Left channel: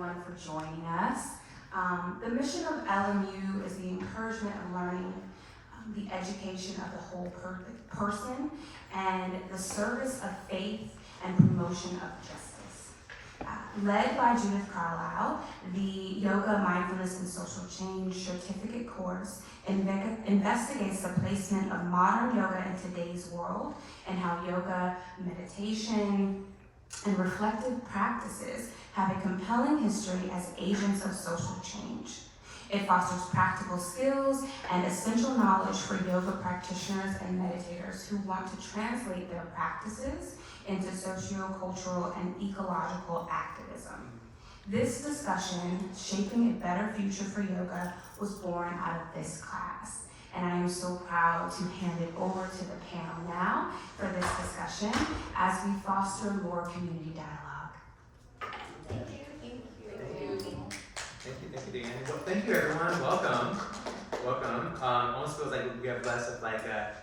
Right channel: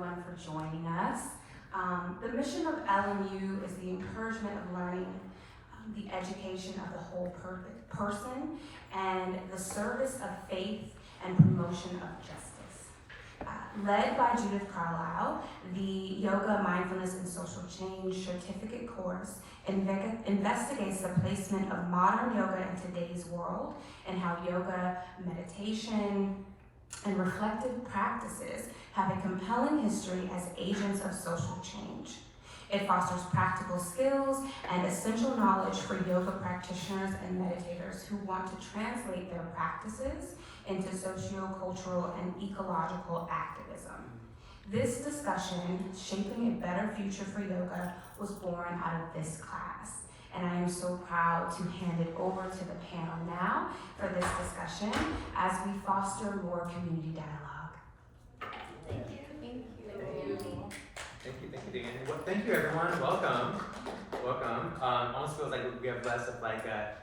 everyone for joining us. The mission of LMU is the encouragement of learning, the education of the whole person, and the service of faith and promotion of justice. Led by Judith Carlisle, the Yoga, Mindfulness, and Social Change certificate course investigates the placement of modern yoga in today's world and how yoga, meditation, and reflective practices have a compelling history as agents of social change. It fosters practical skills and essential knowledge for yoga practitioners and meditators who want to translate their practices into socio-cultural and ecological activism. This discussion, Shaping a Better Future for Yoga, was born out of this class. And I am so proud to hand it over to the panel now for this discussion as we foster more community dialogue. Thank you. Thank you, Dan. Well, thank you, everyone. Welcome. Almost feels like we have less of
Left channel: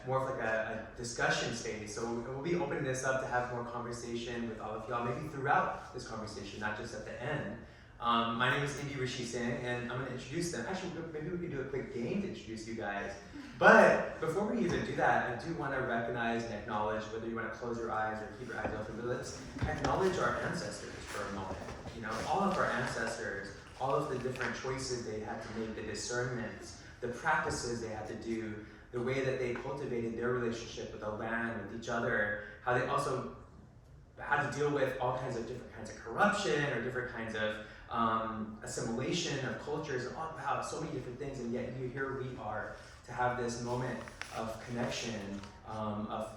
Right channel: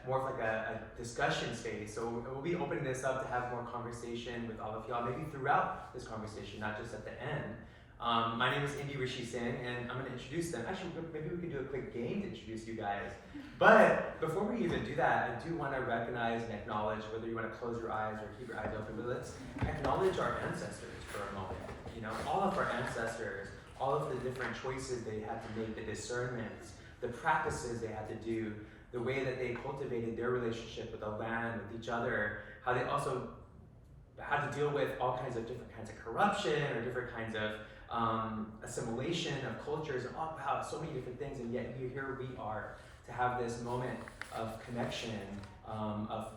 more of a discussion space. So we'll be opening this up to have more conversation with all of y'all, maybe throughout this conversation, not just at the end. My name is Indy Rishi Singh, and I'm going to introduce them. Actually, maybe we can do a quick game to introduce you guys. But before we even do that, I do want to recognize and acknowledge, whether you want to close your eyes or keep your eyes open, but let's acknowledge our ancestors for a moment. You know, all of our ancestors, all of the different choices they had to make, the discernments, the practices they had to do, the way that they cultivated their relationship with the land, with each other, how they also had to deal with all kinds of different kinds of corruption or different kinds of assimilation of cultures, and wow, so many different things, and yet here we are to have this moment of connection, of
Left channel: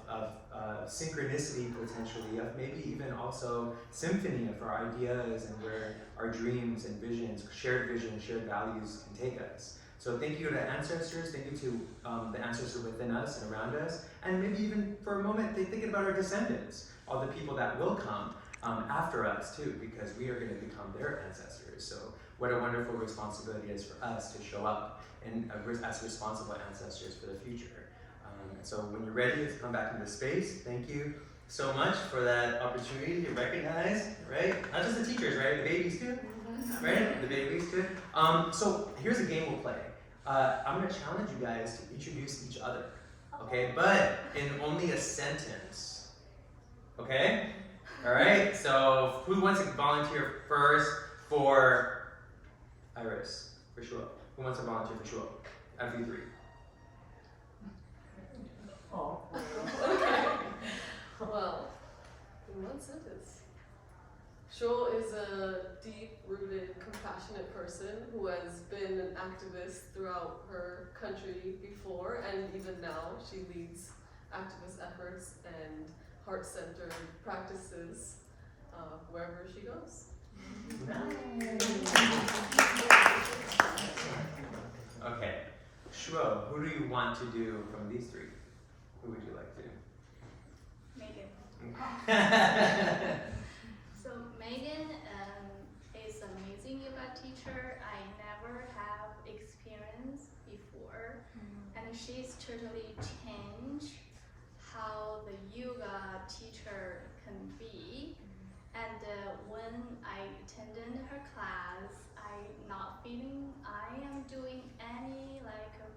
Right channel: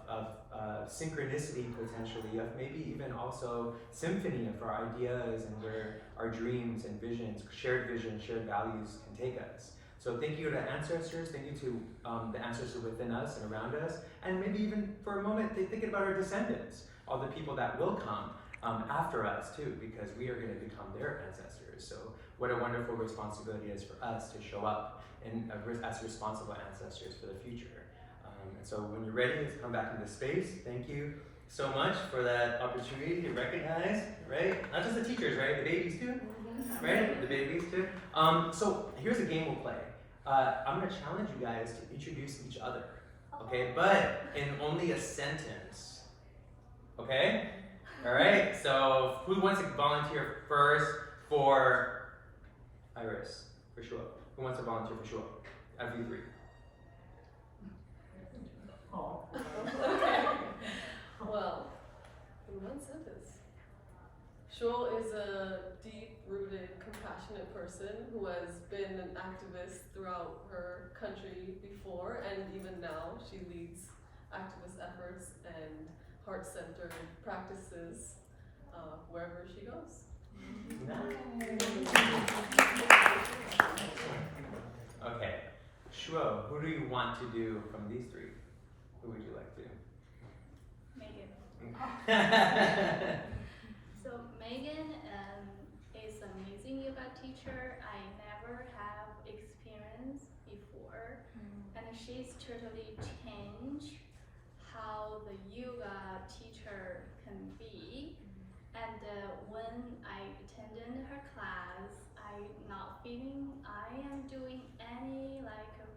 synchronicity potentially, of maybe even also symphony of our ideas and where our dreams and visions, shared values can take us. So thank you to ancestors, thank you to the ancestors within us and around us, and maybe even for a moment thinking about our descendants, all the people that will come after us too, because we are going to become their ancestors. So what a wonderful responsibility it is for us to show up and as responsible ancestors for the future. And so when you're ready to come back into space, thank you so much for that opportunity to recognize, right? Not just the teachers, right? The babies too, right? The babies too. So here's a game we'll play. I'm going to challenge you guys to introduce each other, okay? But in only a sentence, okay? All right, so who wants to volunteer first for Iris, for Shuo? Who wants to volunteer for Shuo? Out of you three. Oh. Okay. Well, in one sentence, Shuo is a deep-rooted, compassionate person who has been an activist throughout her country before, and even now she leads activist efforts and heart-centered practices wherever she goes. Nice. Okay, Shuo, who do you want to do from these three? Who would you like to do? Megan. So Megan is an amazing yoga teacher. I never have experience before, and she's totally changed how the yoga teacher can be. And when I attended her class, I not feeling I am doing any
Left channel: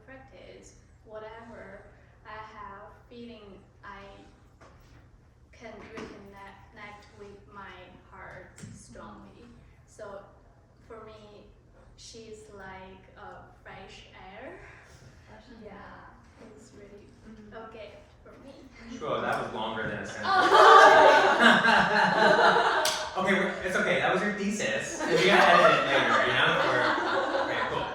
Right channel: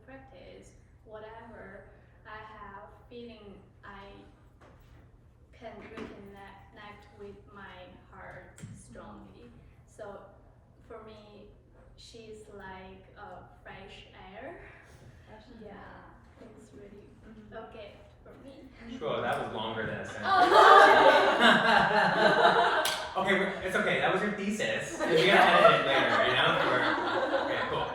practice, whatever. I have feeling I can reconnect with my heart strongly. So for me, she's like a fresh air. Yeah, it's really okay for me. Sure, that was longer than a sentence. Oh. Okay, it's okay. That was your thesis. And you're gonna edit it later, you know? Okay, cool.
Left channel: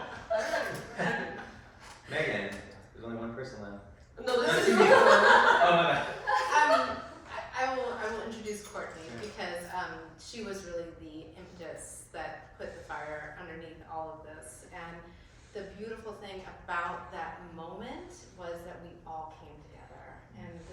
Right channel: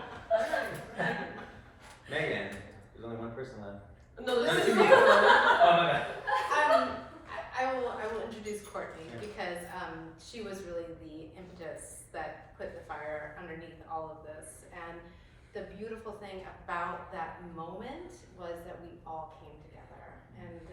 Megan, there's only one person left. No, this is you. Oh my god. I will introduce Courtney because she was really the impetus that put the fire underneath all of this. And the beautiful thing about that moment was that we all came together, and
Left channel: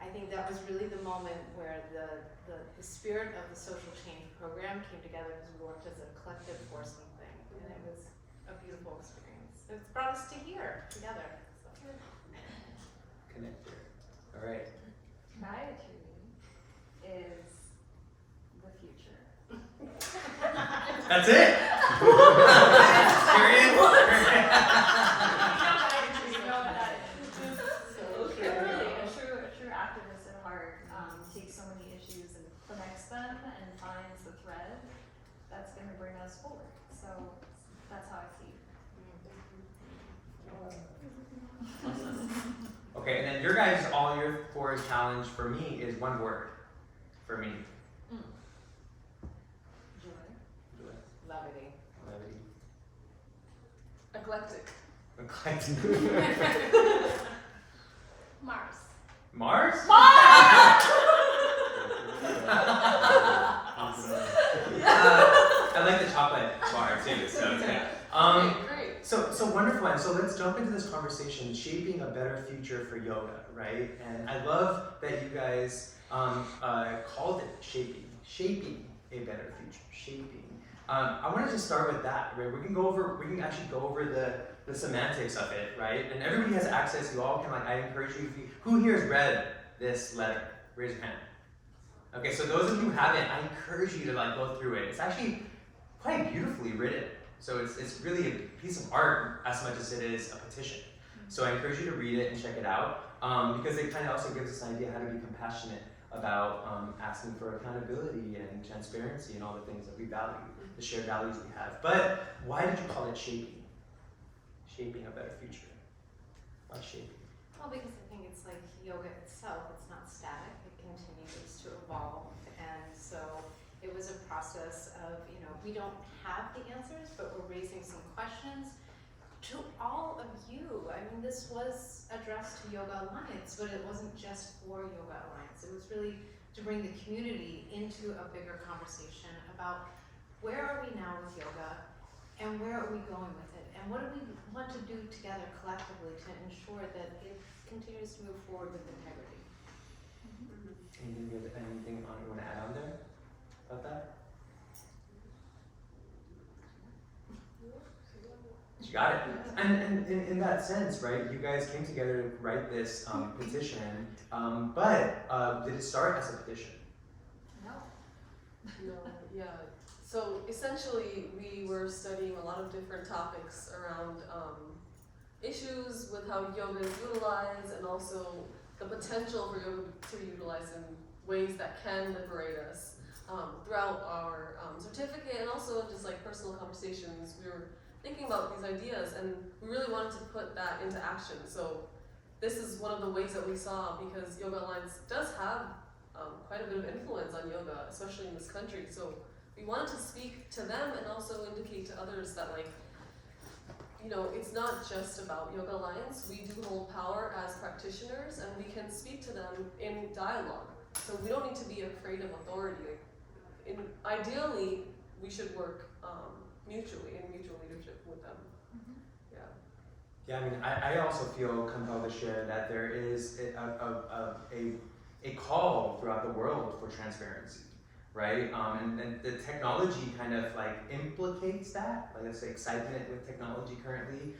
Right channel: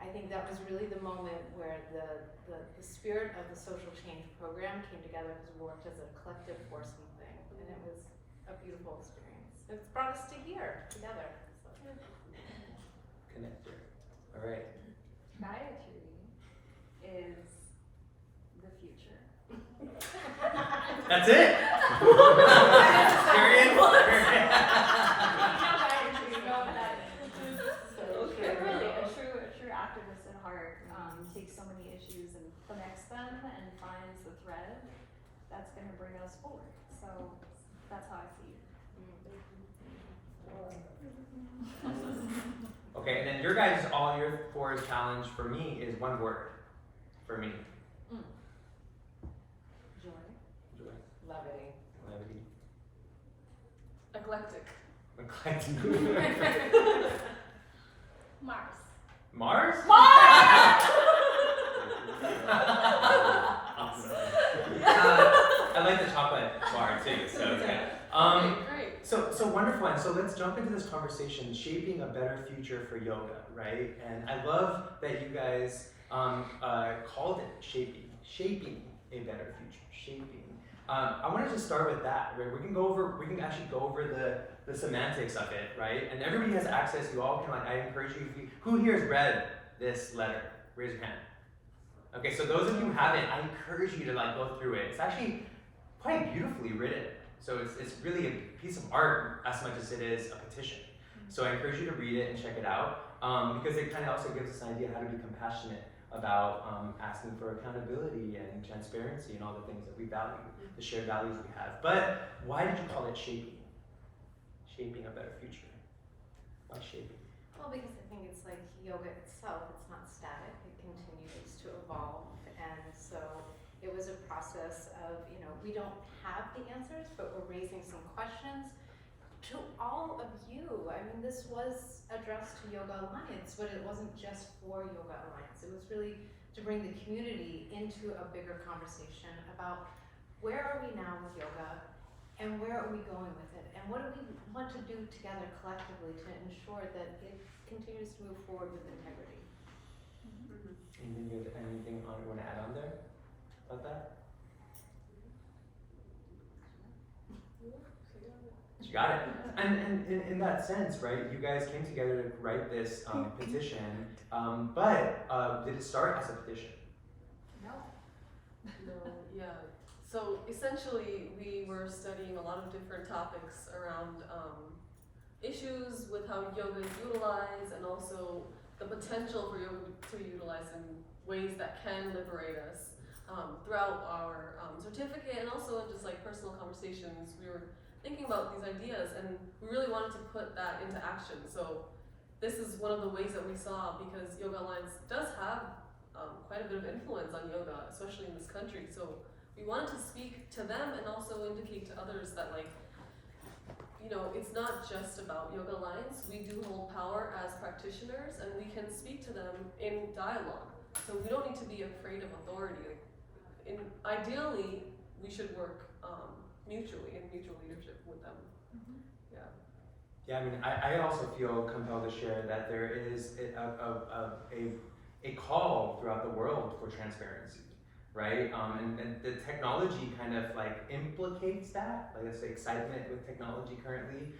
I think that was really the moment where the spirit of the social change program came together because we worked as a collective for something, and it was a beautiful experience. It's brought us to here together. So. Connector. All right. Gayatri is the future. That's it? Period? You know what that is. So But really, a true activist at heart takes so many issues and connects them and finds the thread that's going to bring us forward. So that's how I see it. Okay, and then your guys, all your fours challenge for me is one word. For me. Joy. Joy. Levity. Levity. eclectic. Eclectic. Mars. Mars? I like the chocolate bar too, so it's good. Great. So wonderful, and so let's jump into this conversation, shaping a better future for yoga, right? And I love that you guys called it shaping a better future, shaping. I want to just start with that, right? We can actually go over the semantics of it, right? And everybody has access. You all can I encourage you. Who here has read this letter? Raise your hand. Okay, so those of you who haven't, I encourage you to go through it. It's actually quite beautifully written. So it's really a piece of art as much as it is a petition. So I encourage you to read it and check it out because it kind of also gives us an idea how to be compassionate about asking for accountability and transparency and all the things that we value, the shared values we have. But why did you call it shaping? Shaping a better future. Why shaping? Well, because I think it's like yoga itself, it's not static, it continues to evolve. And so it was a process of, we don't have the answers, but we're raising some questions to all of you. I mean, this was addressed to Yoga Alliance, but it wasn't just for Yoga Alliance. It was really to bring the community into a bigger conversation about where are we now with yoga and where are we going with it? And what do we want to do together collectively to ensure that it continues to move forward with integrity? Anything you want to add on there about that? You got it. And in that sense, right, you guys came together to write this petition, but did it start as a petition? No, yeah. So essentially, we were studying a lot of different topics around issues with how yoga is utilized and also the potential for yoga to be utilized in ways that can liberate us throughout our certificate and also just personal conversations. We were thinking about these ideas and we really wanted to put that into action. So this is one of the ways that we saw, because Yoga Alliance does have quite a bit of influence on yoga, especially in this country. So we wanted to speak to them and also indicate to others that it's not just about Yoga Alliance. We do hold power as practitioners and we can speak to them in dialogue. So we don't need to be afraid of authority. Ideally, we should work mutually in mutual leadership with them. Yeah. Yeah, I mean, I also feel compelled to share that there is a call throughout the world for transparency, right? And the technology kind of implicates that, let's say excitement with technology currently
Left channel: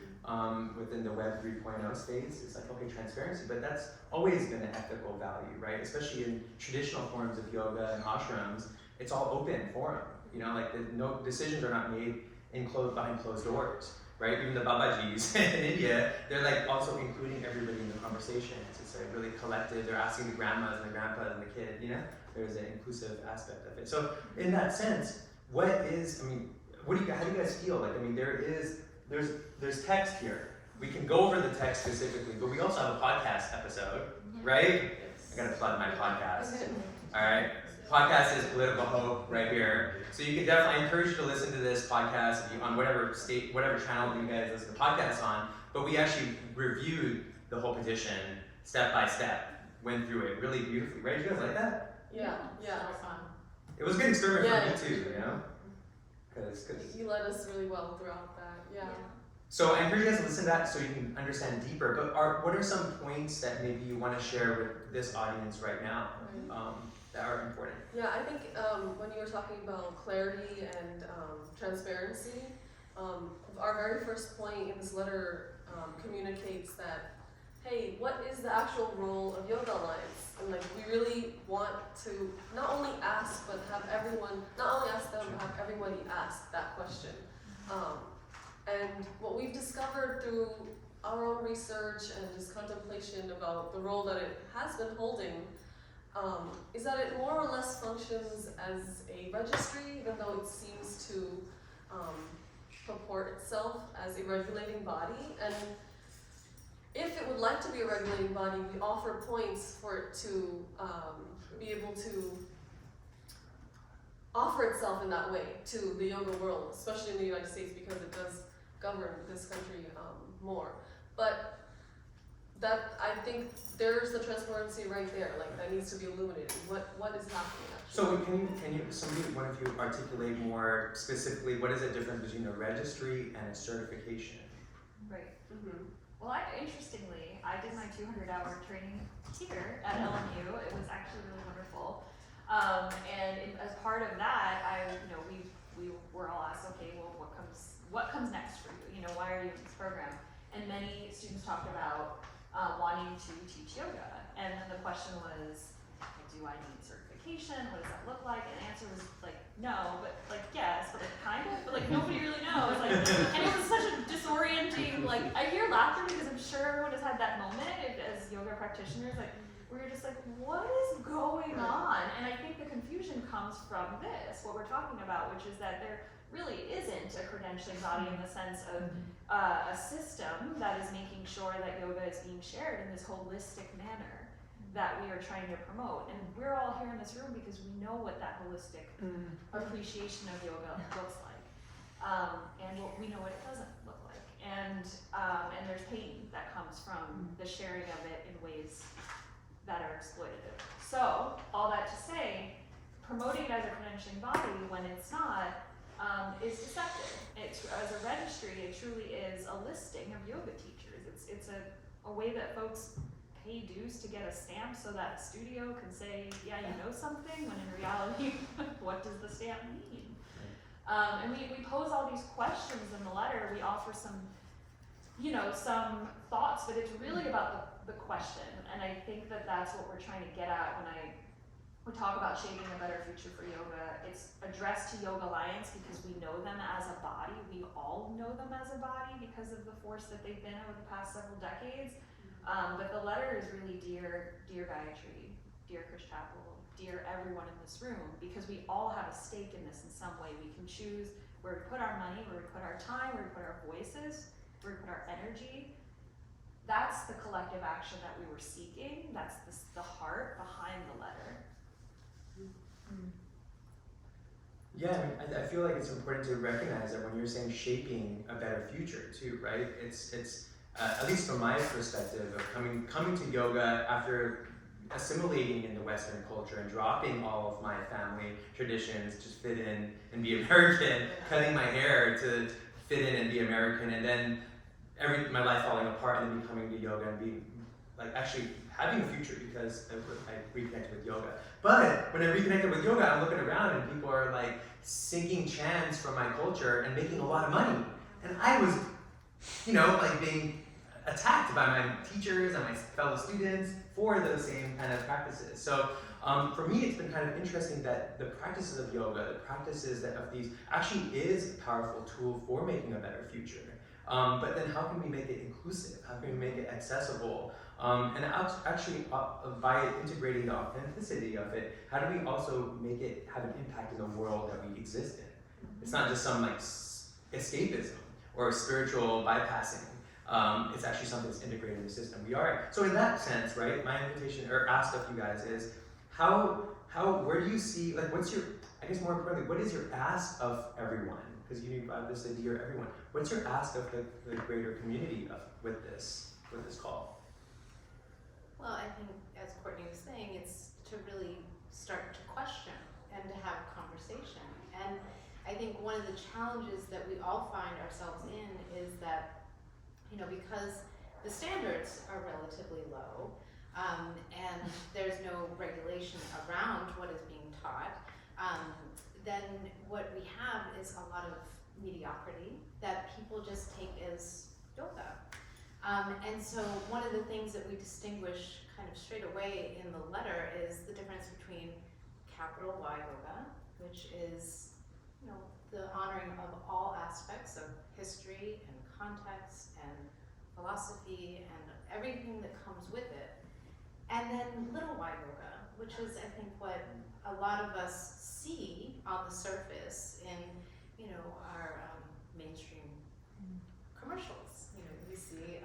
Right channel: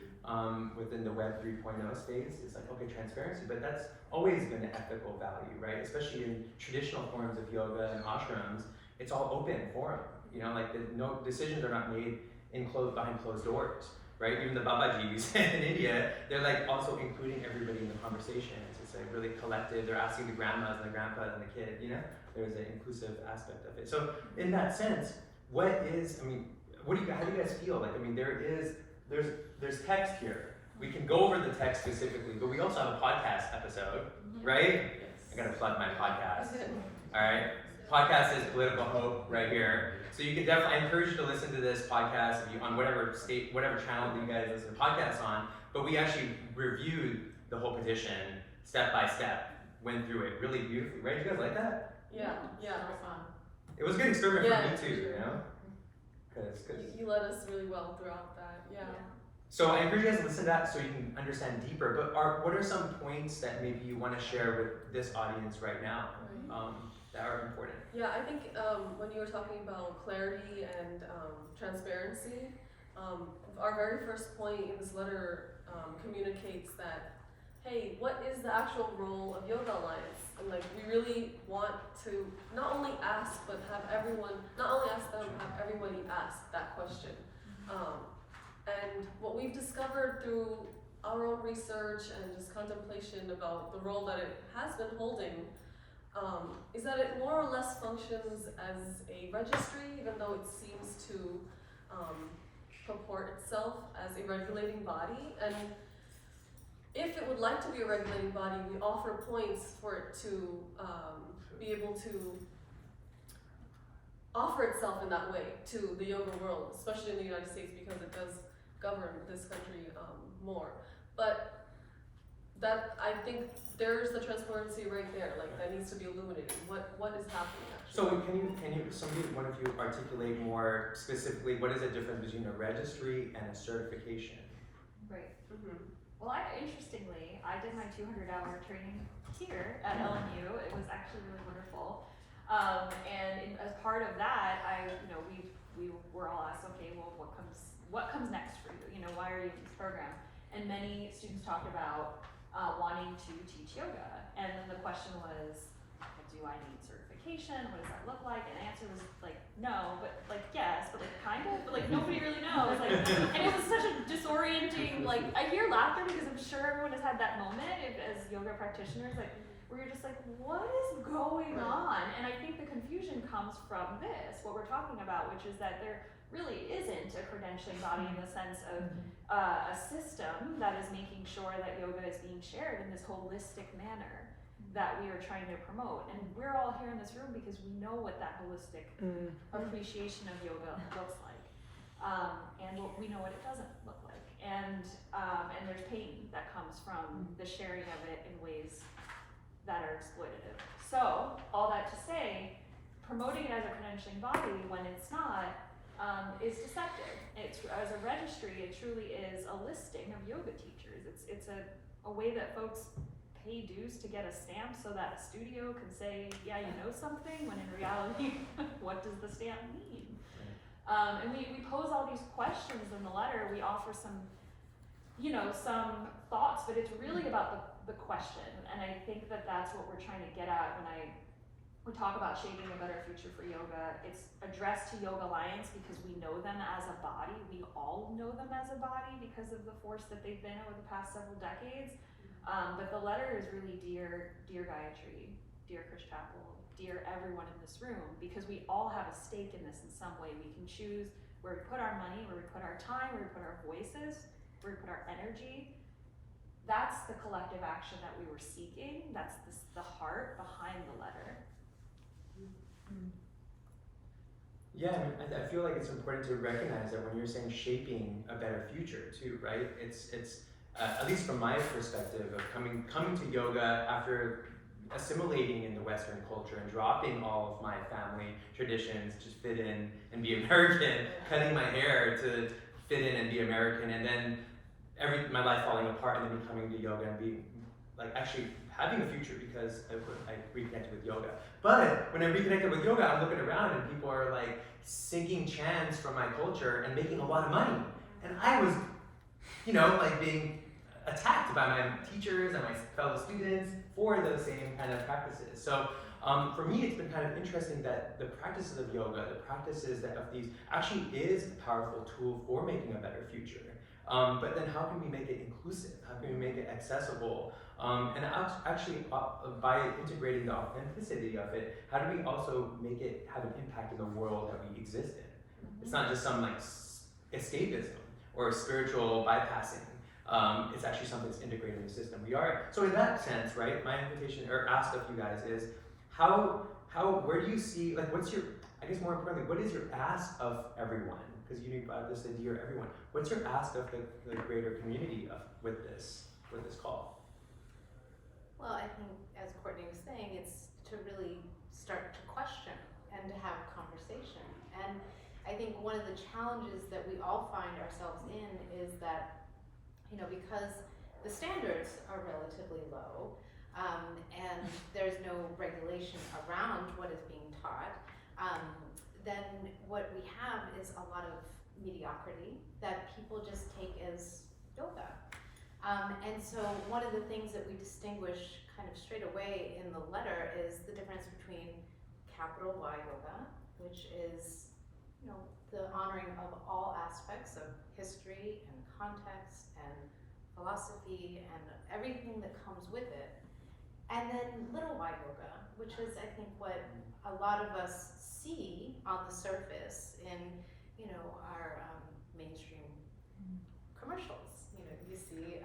within the Web 3.0 space. It's okay, transparency, but that's always been an ethical value, right? Especially in traditional forms of yoga and ashrams, it's all open forum. No decisions are not made behind closed doors, right? Even the Babajis in India, they're also including everybody in the conversations. It's a really collective. They're asking the grandmas and the grandpas and the kid. There's an inclusive aspect of it. So in that sense, how do you guys feel? There's text here. We can go over the text specifically, but we also have a podcast episode, right? Yes. I gotta plug my podcast. All right. Podcast is Political Hope right here. So you can definitely, I encourage you to listen to this podcast on whatever channel that you guys listen to podcasts on, but we actually reviewed the whole petition step by step, went through it really beautifully, right? You guys like that? Yeah. Super fun. It was a good experiment for me Yeah, too, sure. Cause You led us really well throughout that. Yeah. so I encourage you guys to listen to that so you can understand deeper, but what are some points that maybe you want to share with this audience right now that are important? Yeah, I think when you were talking about clarity and transparency, our very first point in this letter communicates that hey, what is the actual role of Yoga Alliance? And like, we really want to not only ask, but have everyone, not only ask them, but have everybody ask that question. And what we've discovered through our own research and just contemplation about the role that it has been holding is that it more or less functions as a registry, even though it seems to purport itself as a regulating body. And if it would like to be a regulating body, we offer points for it to be able to offer itself in that way to the yoga world, especially in the United States, because it does govern this country more. But that, I think there's the transparency right there, like that needs to be illuminated. What is happening actually? So can you one of you articulate more specifically what is the difference between a registry and a certification? Right. Mm-hmm. Well, interestingly, I did my 200-hour training here at LMU. It was actually really wonderful. As part of that, we were all asked, okay, well, what comes next for you? Why are you in this program? And many students talked about wanting to teach yoga. And then the question was, do I need certification? What does that look like? And the answer was like, no, but like, yes, but like, kind of, but like, nobody really knows. Like, and it was such a disorienting, like, I hear laughter because I'm sure everyone has had that moment as yoga practitioners, like, where you're just like, what is going on? And I think the confusion comes from this, what we're talking about, which is that there really isn't a credentialing body in the sense of a system that is making sure that yoga is being shared in this holistic manner that we are trying to promote. And we're all here in this room because we know what that holistic appreciation of yoga looks like. And we know what it doesn't look like. And there's pain that comes from the sharing of it in ways that are exploitative. So, all that to say, promoting it as a credentialing body when it's not is deceptive. As a registry, it truly is a listing of yoga teachers. It's a way that folks pay dues to get a stamp so that a studio can say, yeah, you know something, when in reality, what does the stamp mean? And we pose all these questions in the letter. We offer some thoughts, but it's really about the question. And I think that that's what we're trying to get at when we talk about shaping a better future for yoga. It's addressed to Yoga Alliance because we know them as a body. We all know them as a body because of the force that they've been over the past several decades. But the letter is really dear Gayatri, dear Chris Chapel, dear everyone in this room, because we all have a stake in this in some way. We can choose where we put our money, where we put our time, where we put our voices, where we put our energy. That's the collective action that we were seeking. That's the heart behind the letter. Yeah, I mean, I feel like it's important to recognize that when you're saying shaping a better future too, right? It's at least from my perspective of coming to yoga after assimilating in the Western culture and dropping all of my family traditions to fit in and be American, cutting my hair to fit in and be American, and then my life falling apart, and then coming to yoga and being like actually having a future because I reconnected with yoga. But when I reconnected with yoga, I'm looking around and people are like singing chants from my culture and making a lot of money. And I was, like being attacked by my teachers and my fellow students for those same kind of practices. So for me, it's been kind of interesting that the practices of yoga, the practices of these actually is a powerful tool for making a better future. But then how can we make it inclusive? How can we make it accessible? And actually, by integrating the authenticity of it, how do we also make it have an impact in the world that we exist in? It's not just some like escapism or spiritual bypassing. It's actually something that's integrated in the system. We are. So in that sense, right, my invitation or ask of you guys is, where do you see, like, I guess more importantly, what is your ask of everyone? Because you brought this idea, everyone. What's your ask of the greater community with this call? Well, I think, as Courtney was saying, it's to really start to question and to have conversation. And I think one of the challenges that we all find ourselves in is that, because the standards are relatively low, and there's no regulation around what is being taught, then what we have is a lot of mediocrity that people just take as yoga. And so one of the things that we distinguish kind of straight away in the letter is the difference between capital Y yoga, which is, you know, the honoring of all aspects of history and context and philosophy and everything that comes with it. And then little y yoga, which is, I think, what a lot of us see on the surface in, you know, our mainstream commercials. You know, you see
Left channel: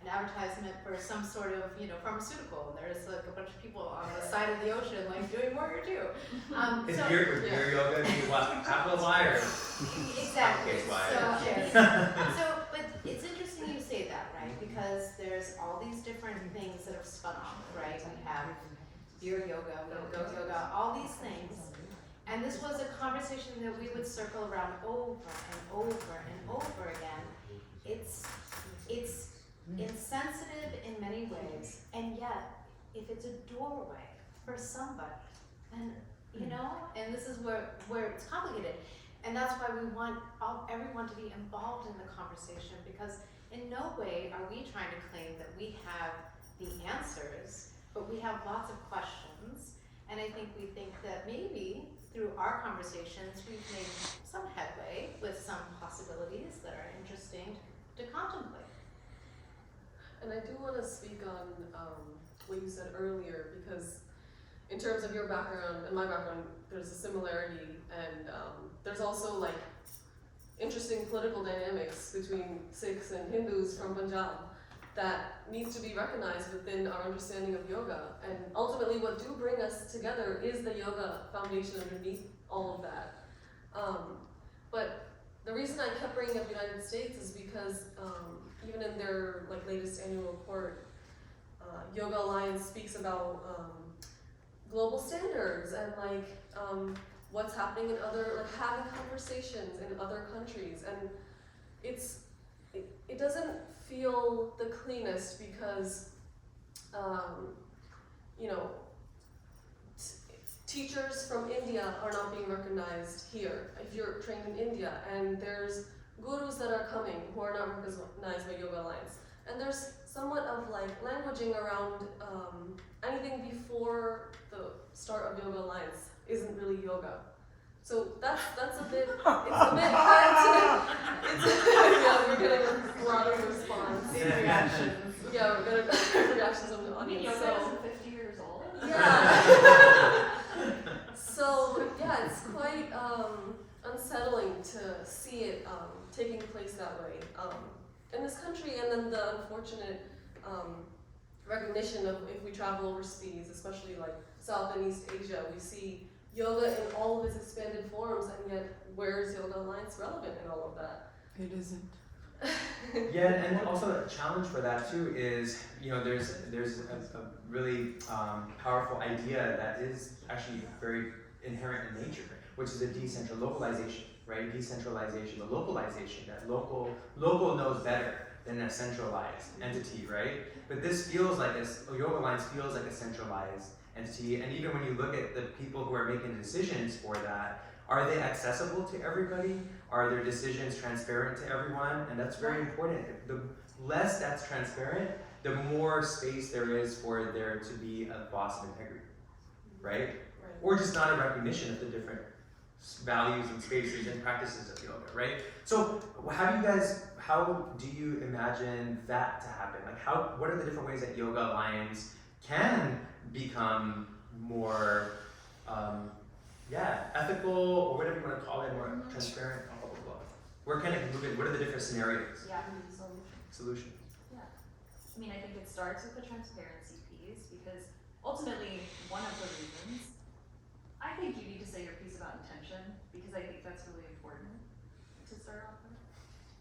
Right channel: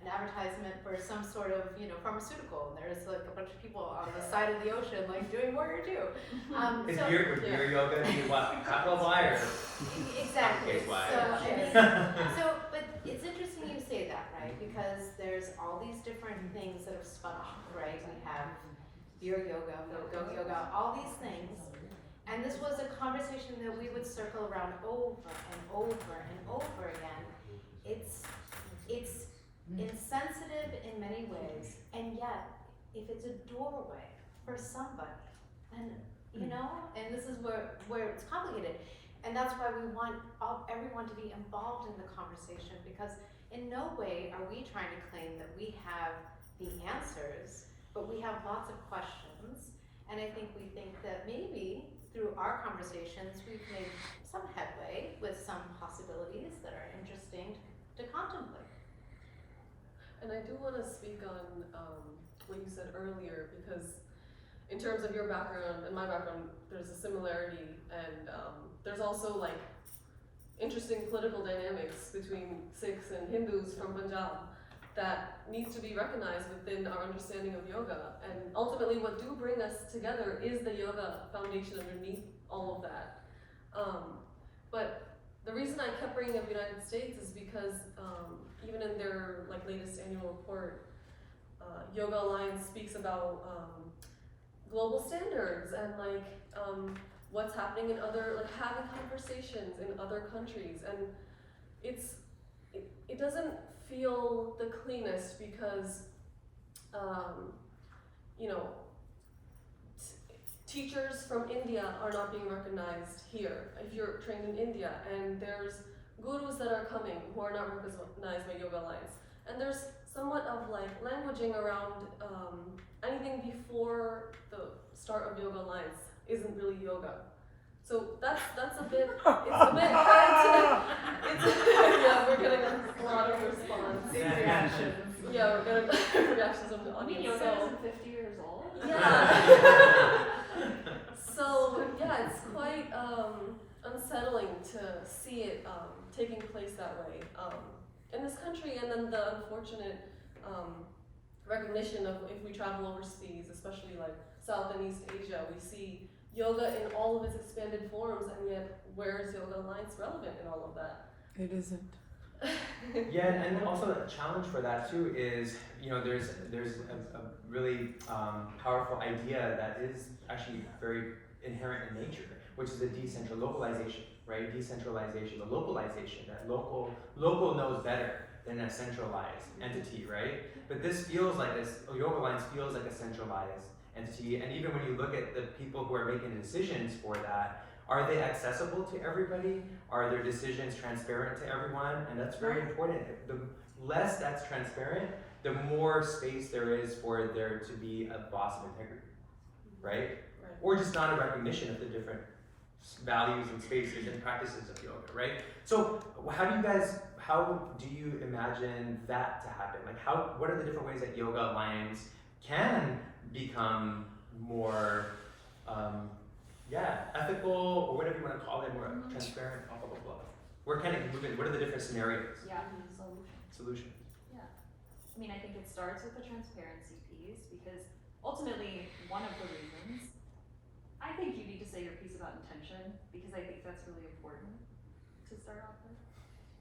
an advertisement for some sort of, you know, pharmaceutical, and there's like a bunch of people on the side of the ocean, like doing warrior two. Is So- beer yoga be what? Capital Y or? Exactly. Uppercase Y. So, but it's interesting you say that, right? Because there's all these different things that have spun off, right? We have beer yoga, goat yoga, all these things. And this was a conversation that we would circle around over and over and over again. It's insensitive in many ways, and yet if it's a doorway for somebody, and you know, and this is where it's complicated. And that's why we want everyone to be involved in the conversation, because in no way are we trying to claim that we have the answers, but we have lots of questions. And I think we think that maybe through our conversations, we've made some headway with some possibilities that are interesting to contemplate. And I do want to speak on what you said earlier, because in terms of your background and my background, there's a similarity, and there's also like interesting political dynamics between Sikhs and Hindus from Punjab that needs to be recognized within our understanding of yoga. And ultimately what do bring us together is the yoga foundation underneath all of that. But the reason I kept bringing up the United States is because even in their like latest annual report, Yoga Alliance speaks about global standards and like what's happening in other, like having conversations in other countries, and it doesn't feel the cleanest because you know, teachers from India are not being recognized here if you're trained in India, and there's gurus that are coming who are not recognized by Yoga Alliance, and there's somewhat of like languaging around anything before the start of Yoga Alliance isn't really yoga. So that's a bit, it's a bit hard to, yeah, we're getting a lot of response. Reactions. Yeah, we're getting reactions from the I mean, audience. yoga isn't 50 years old. Yeah. So yeah, it's quite unsettling to see it taking place that way in this country, and then the unfortunate recognition of if we travel overseas, especially like South and East Asia, we see yoga in all of its expanded forms, and yet where is Yoga Alliance relevant in all of that? It isn't. Yeah, and also a challenge for that too is, you know, there's a really powerful idea that is actually very inherent in nature, which is a localization, right? Decentralization, the localization, that local knows better than a centralized entity, right? But this feels like this, Yoga Alliance feels like a centralized entity, and even when you look at the people who are making decisions for that, are they accessible to everybody? Are their decisions transparent to everyone? And that's very important. The less that's transparent, the more space there is for there to be a loss of integrity, right? Or just not a recognition of the different values and spaces and practices of yoga, right? So how do you imagine that to happen? Like what are the different ways that Yoga Alliance can become more ethical, or whatever you want to call it, more transparent, blah, blah, blah, blah. We're kind of moving, what are the different scenarios? Yeah, Solutions. Yeah. I mean, I think it starts with the transparency piece, because ultimately, one of the reasons, I think you need to say your piece about intention, because I think that's really important to start off with.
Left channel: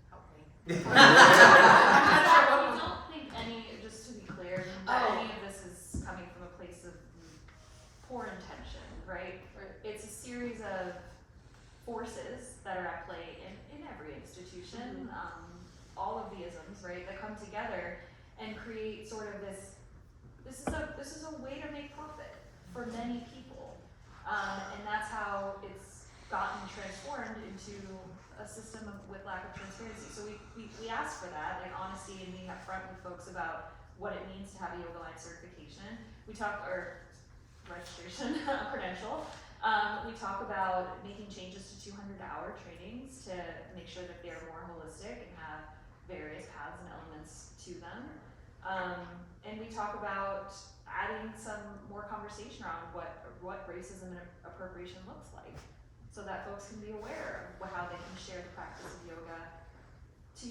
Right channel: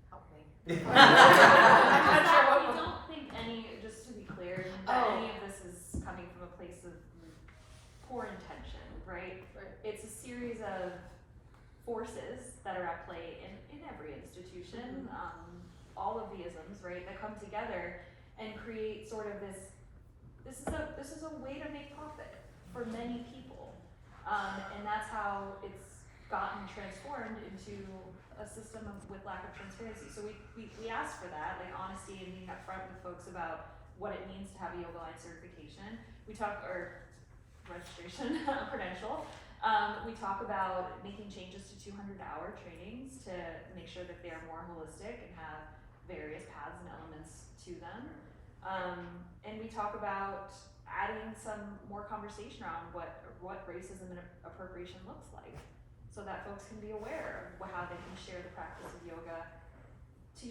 Help me. I don't think just to be clear, any of this is coming from a place of poor intention, right? It's a series of forces that are at play in every institution, all of the isms, right, that come together and create sort of this is a way to make profit for many people, and that's how it's gotten transformed into a system with lack of transparency. So we ask for that, like honesty and being upfront with folks about what it means to have a Yoga Alliance certification. We talk, or registration, credential. We talk about making changes to 200-hour trainings to make sure that they are more holistic and have various paths and elements to them. And we talk about adding some more conversation around what racism and appropriation looks like, so that folks can be aware of how they can share the practice of yoga to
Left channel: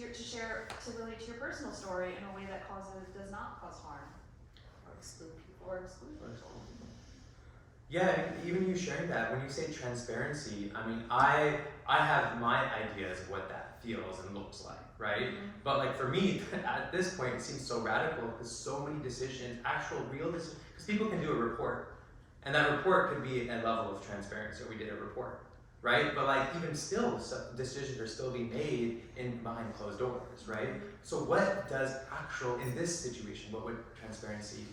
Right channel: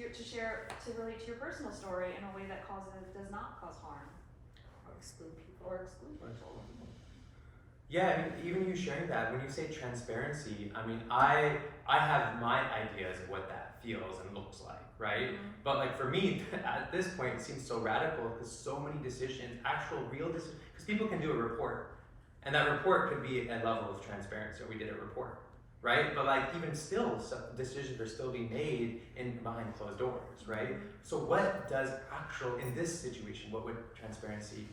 relate to your personal story in a way that does not cause harm Or exclude people. or exclude people. Yeah, I mean, even you sharing that, when you say transparency, I mean, I have my ideas of what that feels and looks like, right? Mm-hmm. But like for me, at this point, it seems so radical because so many decisions, actual real decisions, because people can do a report, and that report could be a level of transparency, or we did a report, right? But like even still, some decisions are still being made behind closed doors, right? So what does in this situation, what would transparency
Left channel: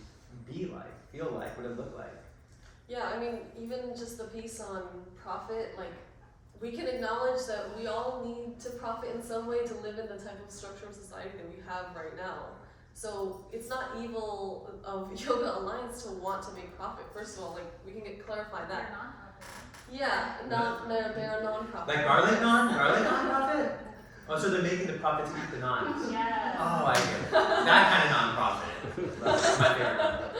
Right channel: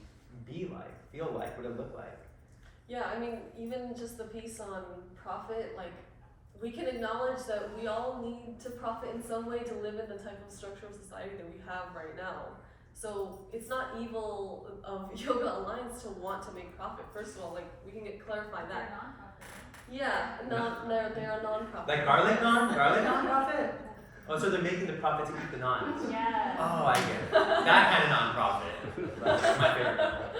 be like, feel like, what would it look like? Yeah, I mean, even just the piece on profit, like, we can acknowledge that we all need to profit in some way to live in the type of structure of society that we have right now. So it's not evil of Yoga Alliance to want to make profit. First of all, like, we can clarify They're that. nonprofit. Yeah, they are non-profit. Like garlic non-profit? Oh, so they're making the profit to eat the non. Yeah. Oh, I get it. That kind of non-profit. That's my favorite non-profit.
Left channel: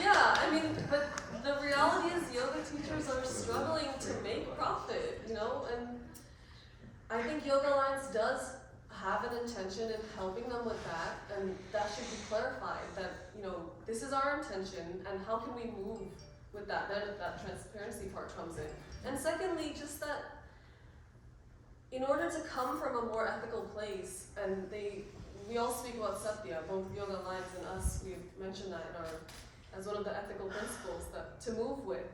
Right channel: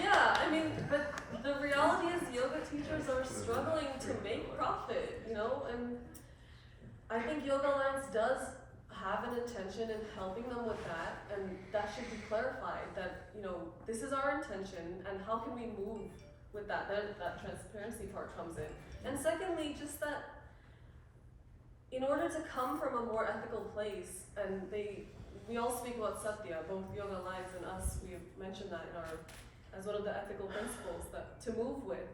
Yeah, I mean, but the reality is yoga teachers are struggling to make profit, you know, and I think Yoga Alliance does have an intention in helping them with that, and that should be clarified, that, you know, this is our intention, and how can we move with that transparency part comes in. And secondly, just that in order to come from a more ethical place, and we all speak about Satya, both Yoga Alliance and us, we've mentioned that as one of the ethical principles that to move with.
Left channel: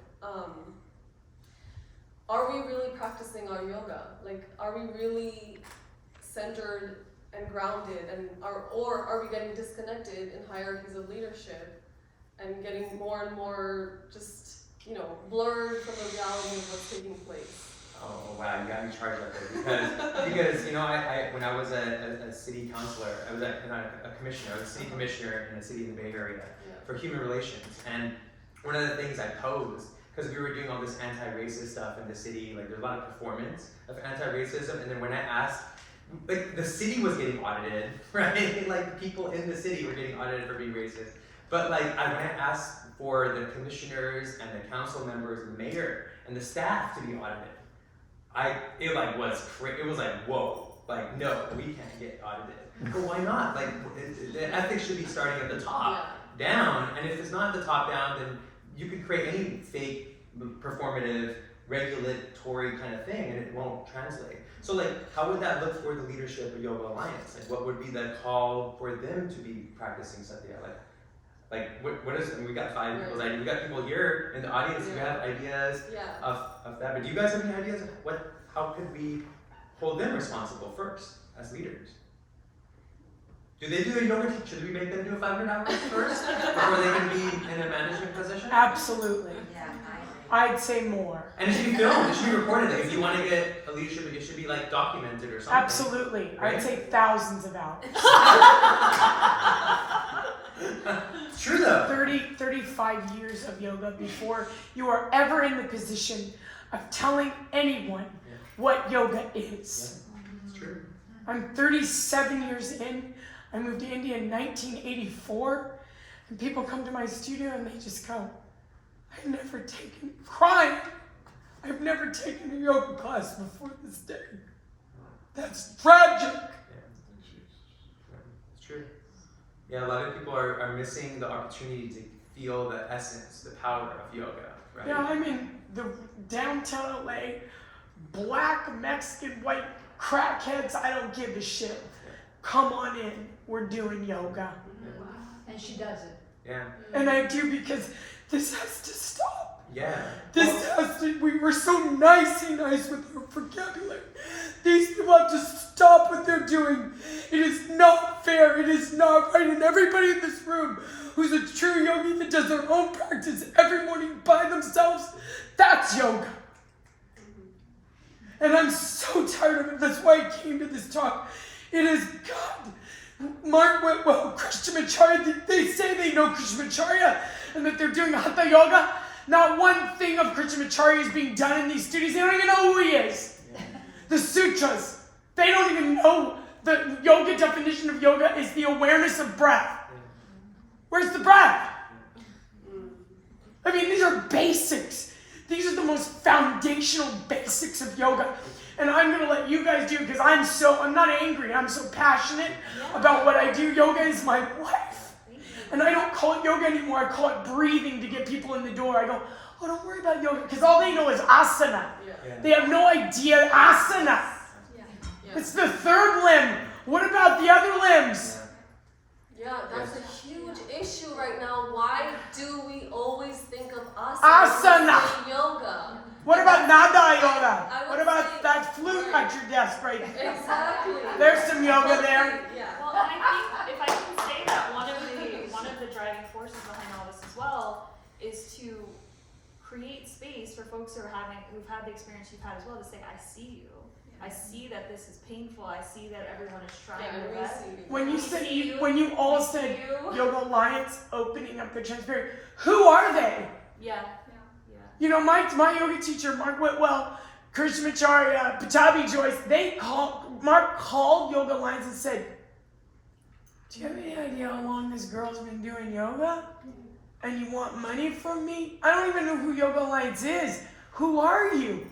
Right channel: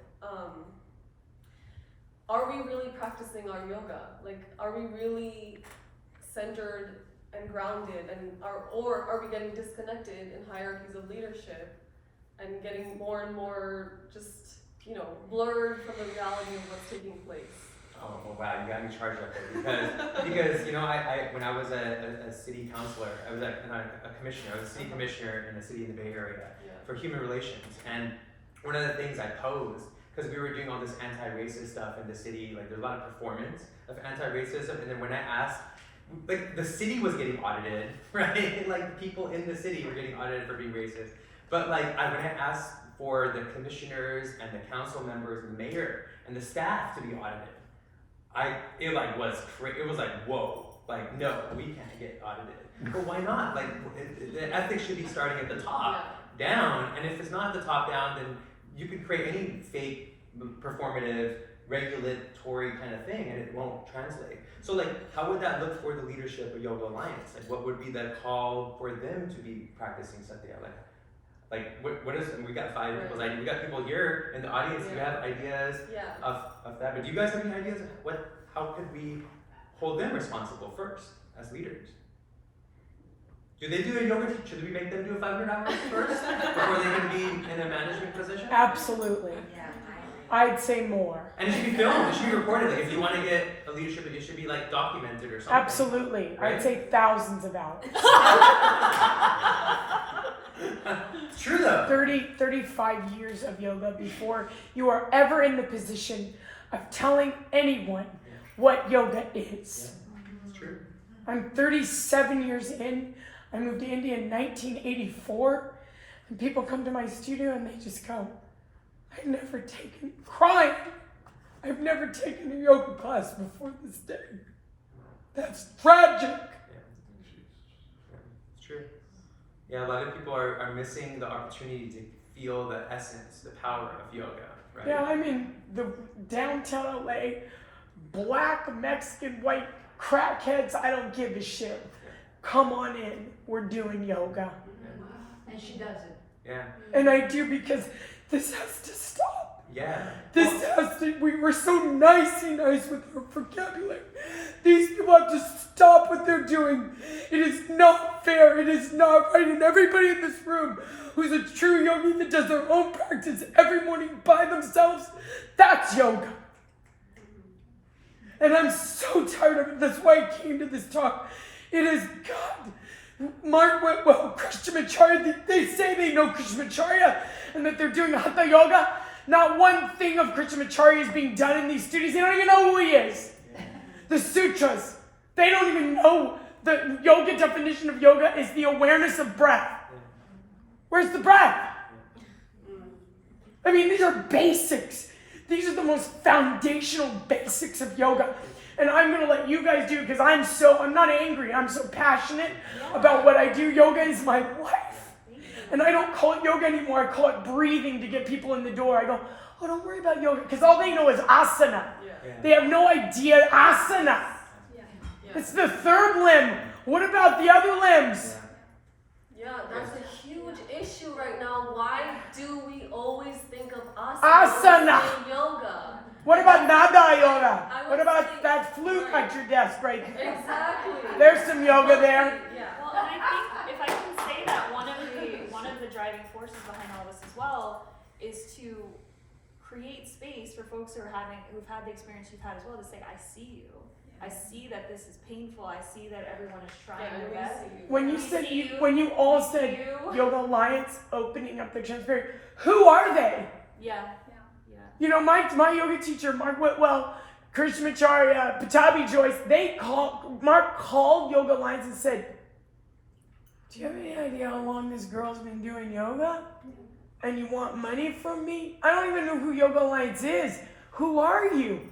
Are we really practicing our yoga? Like, are we really centered and grounded, or are we getting disconnected in hierarchies of leadership and getting more and more just, you know, blurred from the reality of what's taking place? Oh wow, you got me charged up there because you know I when I was a city councilor, I was not a commissioner. I was a city commissioner in a city in the Bay Area for human relations, and one of the things I posed, because we were doing all this anti-racist stuff in the city, like there's a lot of performance of anti-racism, and then when I asked, like the city was getting audited, right? Like people in the city were getting audited for being racist, but like when I asked for the commissioners and the council members and the mayor and the staff to be audited, it was like, whoa, like no, we can't get audited. But why not? Like the ethics should be starting at the top down, and if it's not at the top down, then you could create any fake, performative, regulatory kind of thing, and it won't translate. So like, how would that look for the leadership of Yoga Alliance? Like, what would be the call for them to be practicing Satya? Like what is, and we got 5 people's ideas. We got people here in the audience who have ideas of that, but do you guys have any ideas of how could we hold them responsible first as leaders? Do they do a yoga? Should we make them do a 500 hours first before they can be in a management position? Absolutely. Yeah, I'd say more. And it should be filmed. It should be recorded. Like if you want to get a leadership, it should be like documented or something. Absolutely. Right? I'd say thousands of hours. It's true though. 35 years of yoga before you are ever in the position of telling anyone what yoga is. Yeah, it's true. I'm 37 years in. I moved to India in 1984, and people come to my studio and they just go, I've never taken a yoga class before this day. That's tragic. Yeah, it's true. Yeah, a lot of people are missing the opportunity to feel the essence, the power of yoga, right? Yeah, I'm in the downtown LA, black, Mexican, white crackheads, I don't give a shit. Come on in, we're doing yoga. And she does it. Yeah. And I do, because this has to stop. Yeah. We were so nicey nice with our vocabulary. These people have to stop what they're doing. It is not fair, it is not right. And everybody in this room who's a true yogi that does their own practice every morning by themselves, that's yoga. And I'm so tired of it. That's why I came to this talk. It is God. Krishnamacharya, they say they know Krishnamacharya and that they're doing Hatha Yoga. Not one thing of Krishnamacharya is being done in these studios. They don't even know who he is. The sutras, they don't even know the yoga definition of yoga is the awareness of breath. Where's the breath? I mean, these are basics. These are the most foundational basics of yoga. And I'm going to let you guys do it because I'm not angry. I'm so passionate about what I do. Yoga is my life. And I don't call it yoga anymore. I call it breathing to get people in the door. I go, oh, don't worry about yoga because all they know is asana. They have no idea asana. It's the third limb. What about the other limbs? Yeah, that's a huge issue right now. Why do we always think of asana? Asana. When we say yoga. What about nada yoga? I would What about say- that flute at your desk right there? Exactly. There's some yoga there. Yeah. Well, and I think if I can say that one of the driving forces behind all this as well is to create space for folks who've had the experience you've had as well to say, I see you. I see that this is painful. I see that everyone is trying their best. When you We said see you. when you all said you. Yoga Alliance opening up the transparent, who are they? Yeah. You know, my yoga teacher, Mark Whitwell, Krishnamacharya, Patabi Joyce, Mark called Yoga Alliance and said, do you have any idea how long this girl's been doing yoga? And you want money from me? I don't even know who Yoga Alliance is. Who are you?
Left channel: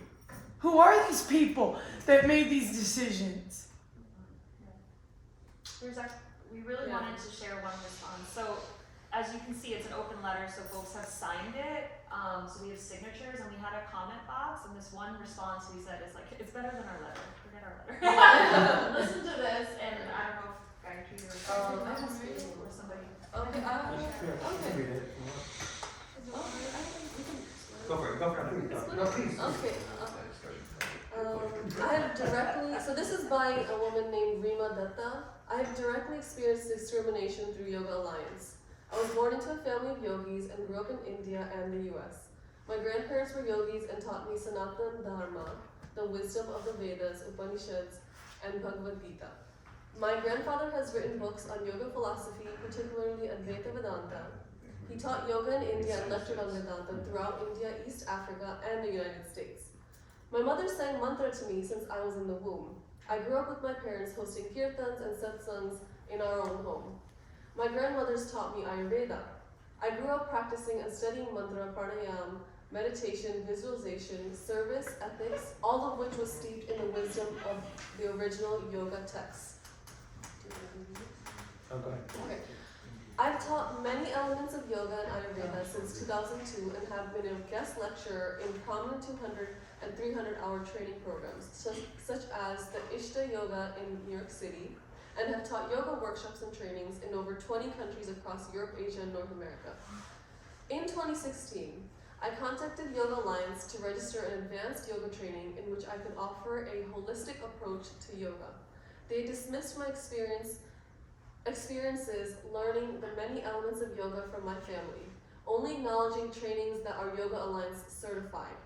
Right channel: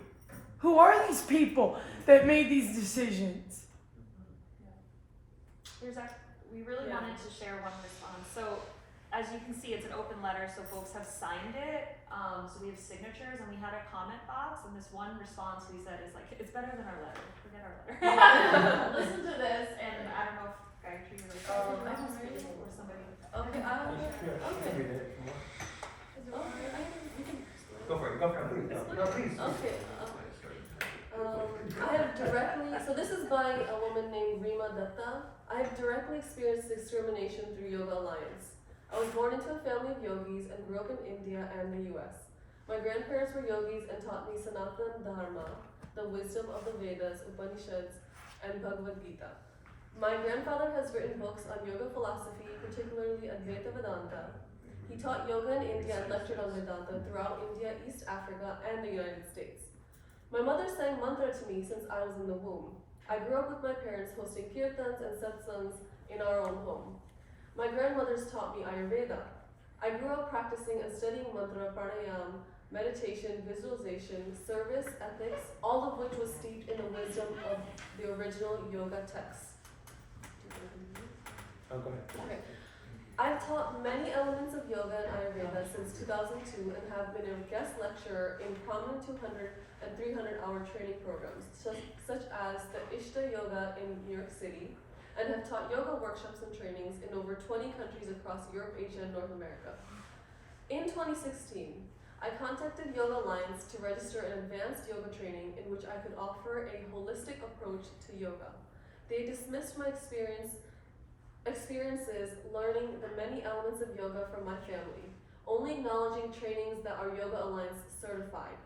Who are these people that made these decisions? We really wanted to share one response. So as you can see, it's an open letter, so folks have signed it. So we have signatures, and we had a comment box, and this one response we said is like, it's better than our letter. Forget our letter. Listen to this, and I don't know if Gayatri or somebody. Okay. Go for it. No, please. Okay. I have so this is by a woman named Rima Datta. I have directly experienced discrimination through Yoga Alliance. I was born into a family of yogis and grew up in India and the US. My grandparents were yogis and taught me Sanatana Dharma, the wisdom of the Vedas, Upanishads, and Bhagavad Gita. My grandfather has written books on yoga philosophy, particularly Advaita Vedanta. He taught yoga in India and lectured on Vedanta throughout India, East Africa, and the United States. My mother sang mantra to me since I was in the womb. I grew up with my parents hosting kirtans and satsangs in our own home. My grandmothers taught me Ayurveda. I grew up practicing and studying mantra, pranayama, meditation, visualization, service, ethics, all of which was steeped in the wisdom of the original yoga texts. Oh, go ahead. Okay. I've taught many elements of yoga and Ayurveda since 2002 and have been a guest lecturer in prominent 200 and 300-hour training programs, such as the Ishta Yoga in New York City, and have taught yoga workshops and trainings in over 20 countries across Europe, Asia, and North America. In 2016, I contacted Yoga Alliance to register an advanced yoga training in which I could offer a holistic approach to yoga. They dismissed my experiences learning the many elements of yoga from my family, only acknowledging trainings that are Yoga Alliance certified.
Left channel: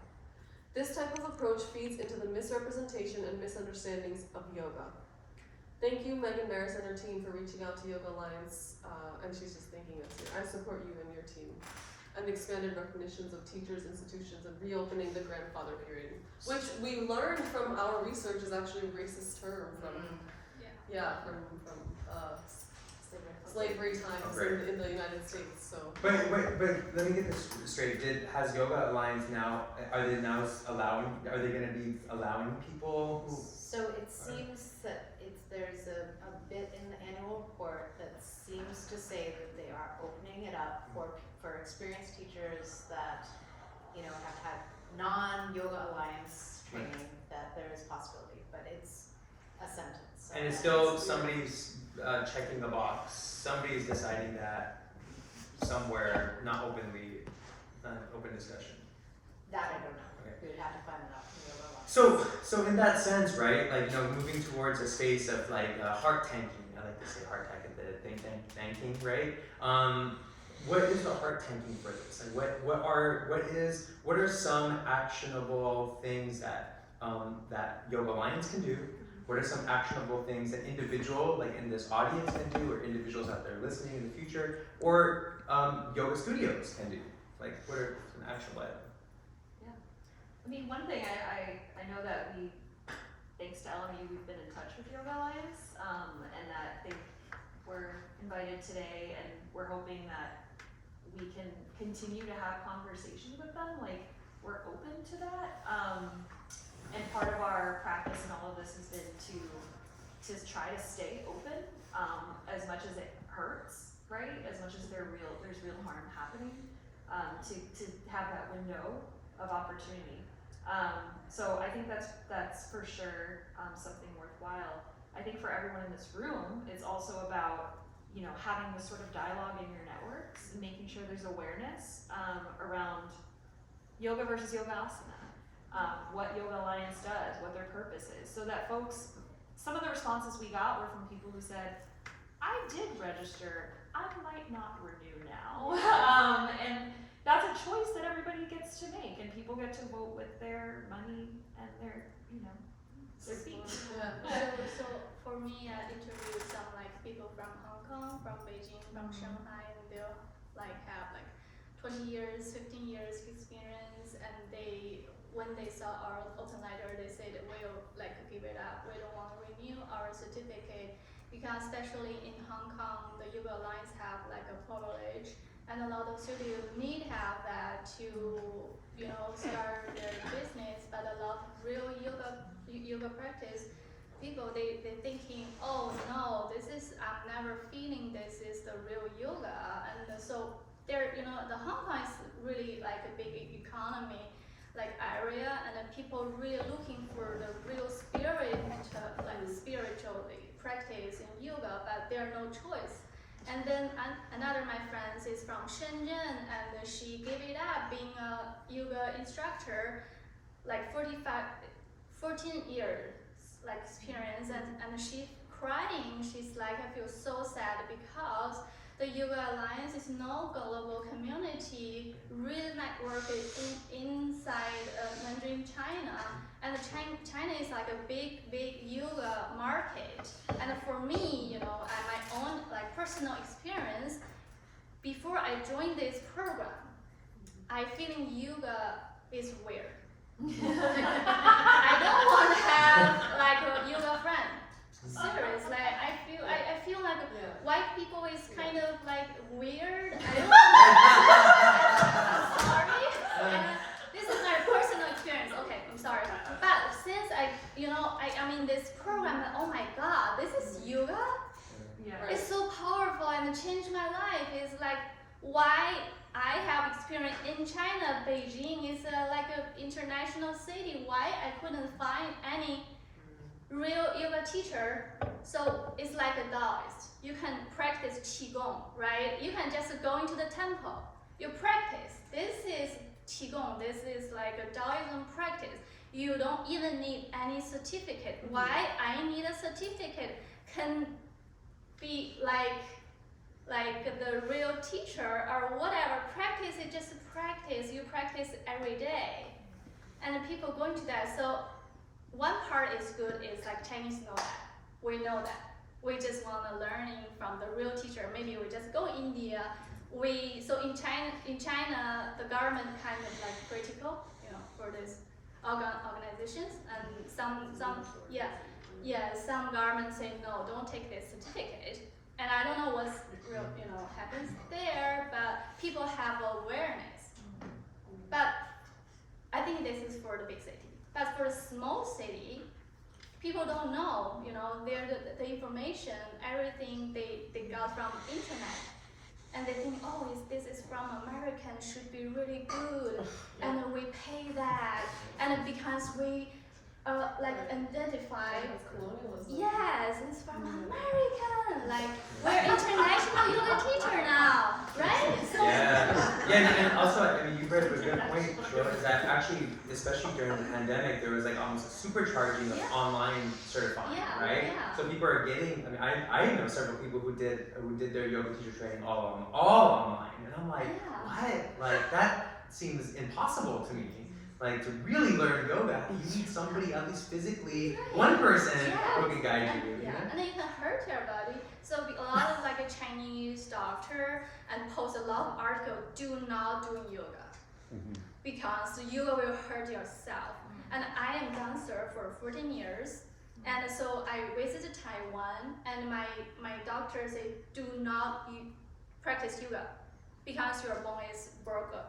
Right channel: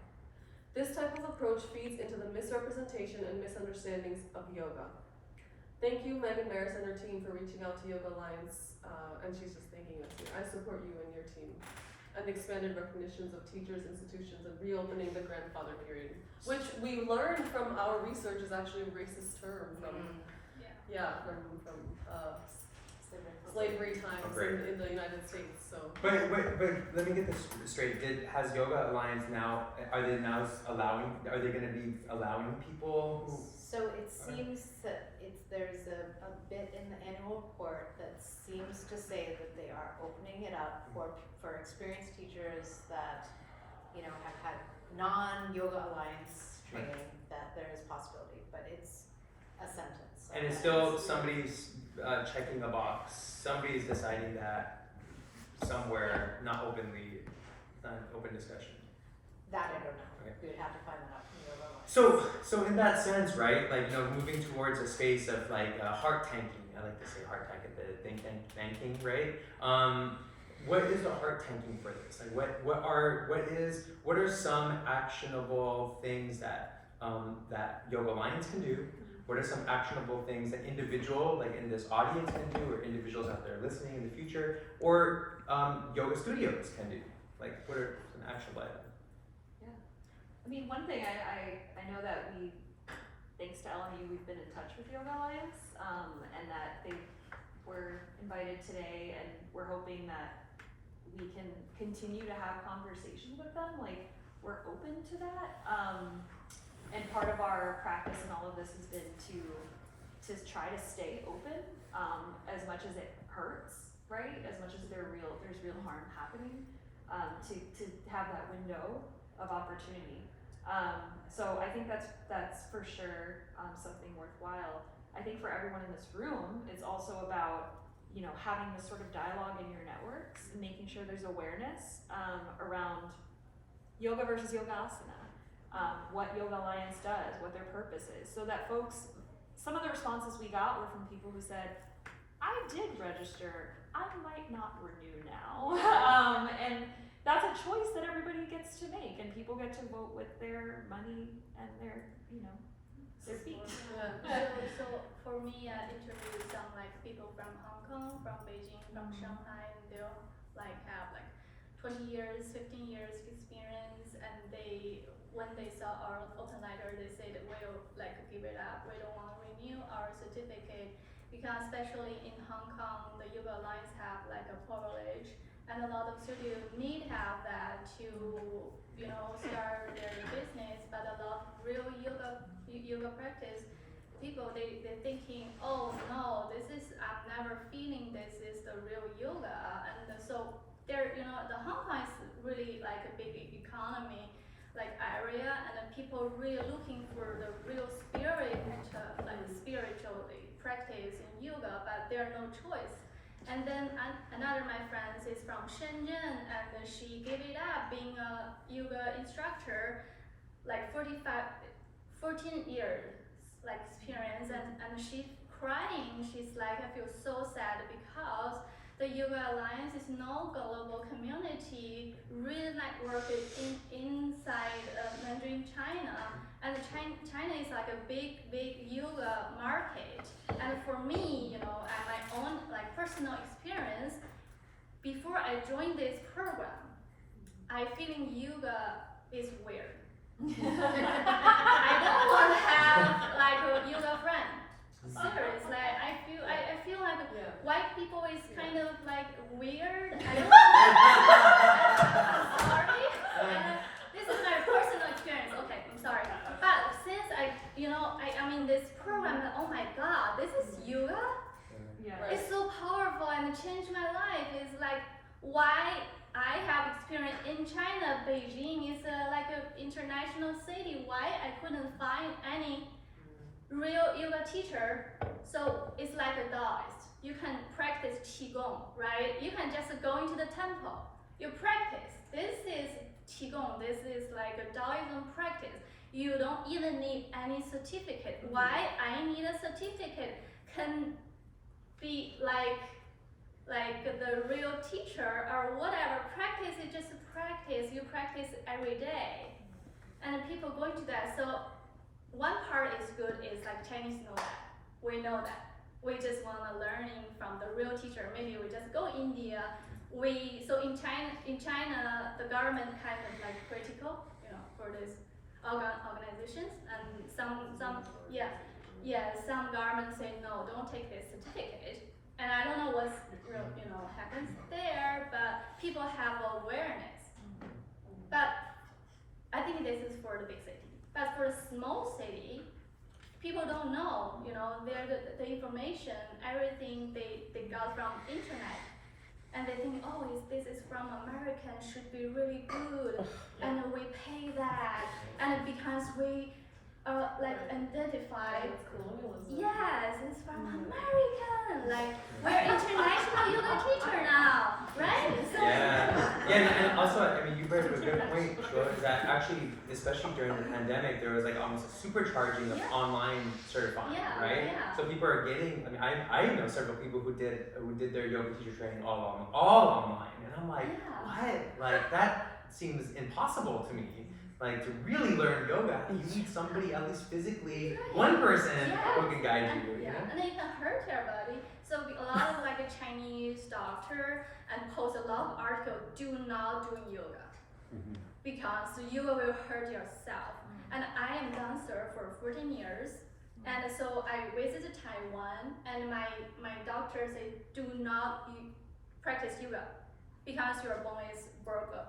This type of approach feeds into the misrepresentation and misunderstandings of yoga. Thank you, Meghan Maris and her team, for reaching out to Yoga Alliance, and she's just thanking us here. I support you and your team, and expanded recognitions of teachers, institutions, and reopening the grandfather period, which we learned from our research is actually a racist term from slavery times in the United States. So. But let me get this straight. Has Yoga Alliance now? Are they allowing? Are they going to be allowing people who? So it seems that there's a bit in the annual report that seems to say that they are opening it up for experienced teachers that have had non-Yoga Alliance training, that there is possibility, but it's a sentence. And it's still somebody's checking a box. Somebody's deciding that somewhere, not openly, open discussion. That I don't know. Okay. We would have to find that out from Yoga Alliance. So in that sense, right? Like moving towards a space of like heart tanking. I like to say heart tank at the thanking, right? What is the heart tanking for this? Like what are some actionable things that that Yoga Alliance can do? What are some actionable things that individual, like in this audience, can do, or individuals out there listening in the future, or yoga studios can do? Like, what are some actionable items? I mean, one thing I know that thanks to LMU, we've been in touch with Yoga Alliance, and that they were invited today, and we're hoping that we can continue to have conversations with them. Like, we're open to that. And part of our practice in all of this has been to try to stay open, as much as it hurts, right? As much as there's real harm happening, to have that window of opportunity. So I think that's for sure something worthwhile. I think for everyone in this room, it's also about, you know, having this sort of dialogue in your networks and making sure there's awareness around yoga versus yoga asana. What Yoga Alliance does, what their purpose is, so that folks, some of the responses we got were from people who said, I did register, I might not renew now. And that's a choice that everybody gets to make, and people get to vote with their money and their, you know, their feet. So for me, I interviewed some like people from Hong Kong, from Beijing, from Shanghai, and they'll like have like 20 years, 15 years experience, and when they saw our open letter, they said we'll like give it up. We don't want to renew our certificate because especially in Hong Kong, the Yoga Alliance have like a privilege, and a lot of studios need have that to, you know, start their business. But a lot of real yoga practice people, they're thinking, oh no, I'm never feeling this is the real yoga, and so there, you know, the Hong Kong is really like a big economy like area, and then people really looking for the real spirit, like spiritual practice in yoga, but there are no choice. And then another my friends is from Shenzhen, and she gave it up being a yoga instructor, like 14 years like experience, and she's crying. She's like, I feel so sad because the Yoga Alliance is no global community, really networked inside Mandarin China, and China is like a big yoga market. And for me, you know, at my own like personal experience, before I joined this program, I feeling yoga is weird. I don't want to have like a yoga friend. Serious, like I feel like white people is kind of like weird. I don't I'm sorry. This is my personal experience. Okay, I'm sorry. But since I'm in this program, oh my God, this is yoga. Yeah. It's so powerful and changed my life. It's like why I have experience in China. Beijing is like an international city. Why I couldn't find any real yoga teacher? So it's like a Taoist. You can practice Qigong, right? You can just go into the temple. You practice. This is Qigong. This is like a Taoism practice. You don't even need any certificate. Why I need a certificate? Can be like the real teacher or whatever. Practice is just practice. You practice every day, and people going to that. So one part is good is like Chinese know that. We know that. We just want to learning from the real teacher. Maybe we just go India. So in China, the government kind of like critical, you know, for these organizations, and some governments say no, don't take this certificate. And I don't know what's real, you know, happens there, but people have awareness. But I think this is for the big city. But for a small city, people don't know, you know, the information, everything they got from internet. And they think, oh, this is from American, should be really good. And we pay that. And because we identify, colonialism. yes, it's from American. Like, we're international yoga teacher now, right? So, and also, I mean, you brought up a good point, Shuo, is that actually, especially during the pandemic, there was like almost a supercharging of online certifying, right? Yeah. So people are getting, I mean, I know several people who did their yoga teacher training all online, and I'm like, what? Like, that seems impossible to me. Like to really learn yoga, you need somebody at least physically, one person who can guide you. You know? And then you can hurt your body. So a lot of like a Chinese doctor and post a lot of articles do not do yoga because yoga will hurt yourself. And I am dancer for 14 years. And so I visited Taiwan, and my doctor said, do not practice yoga because your bone is broken,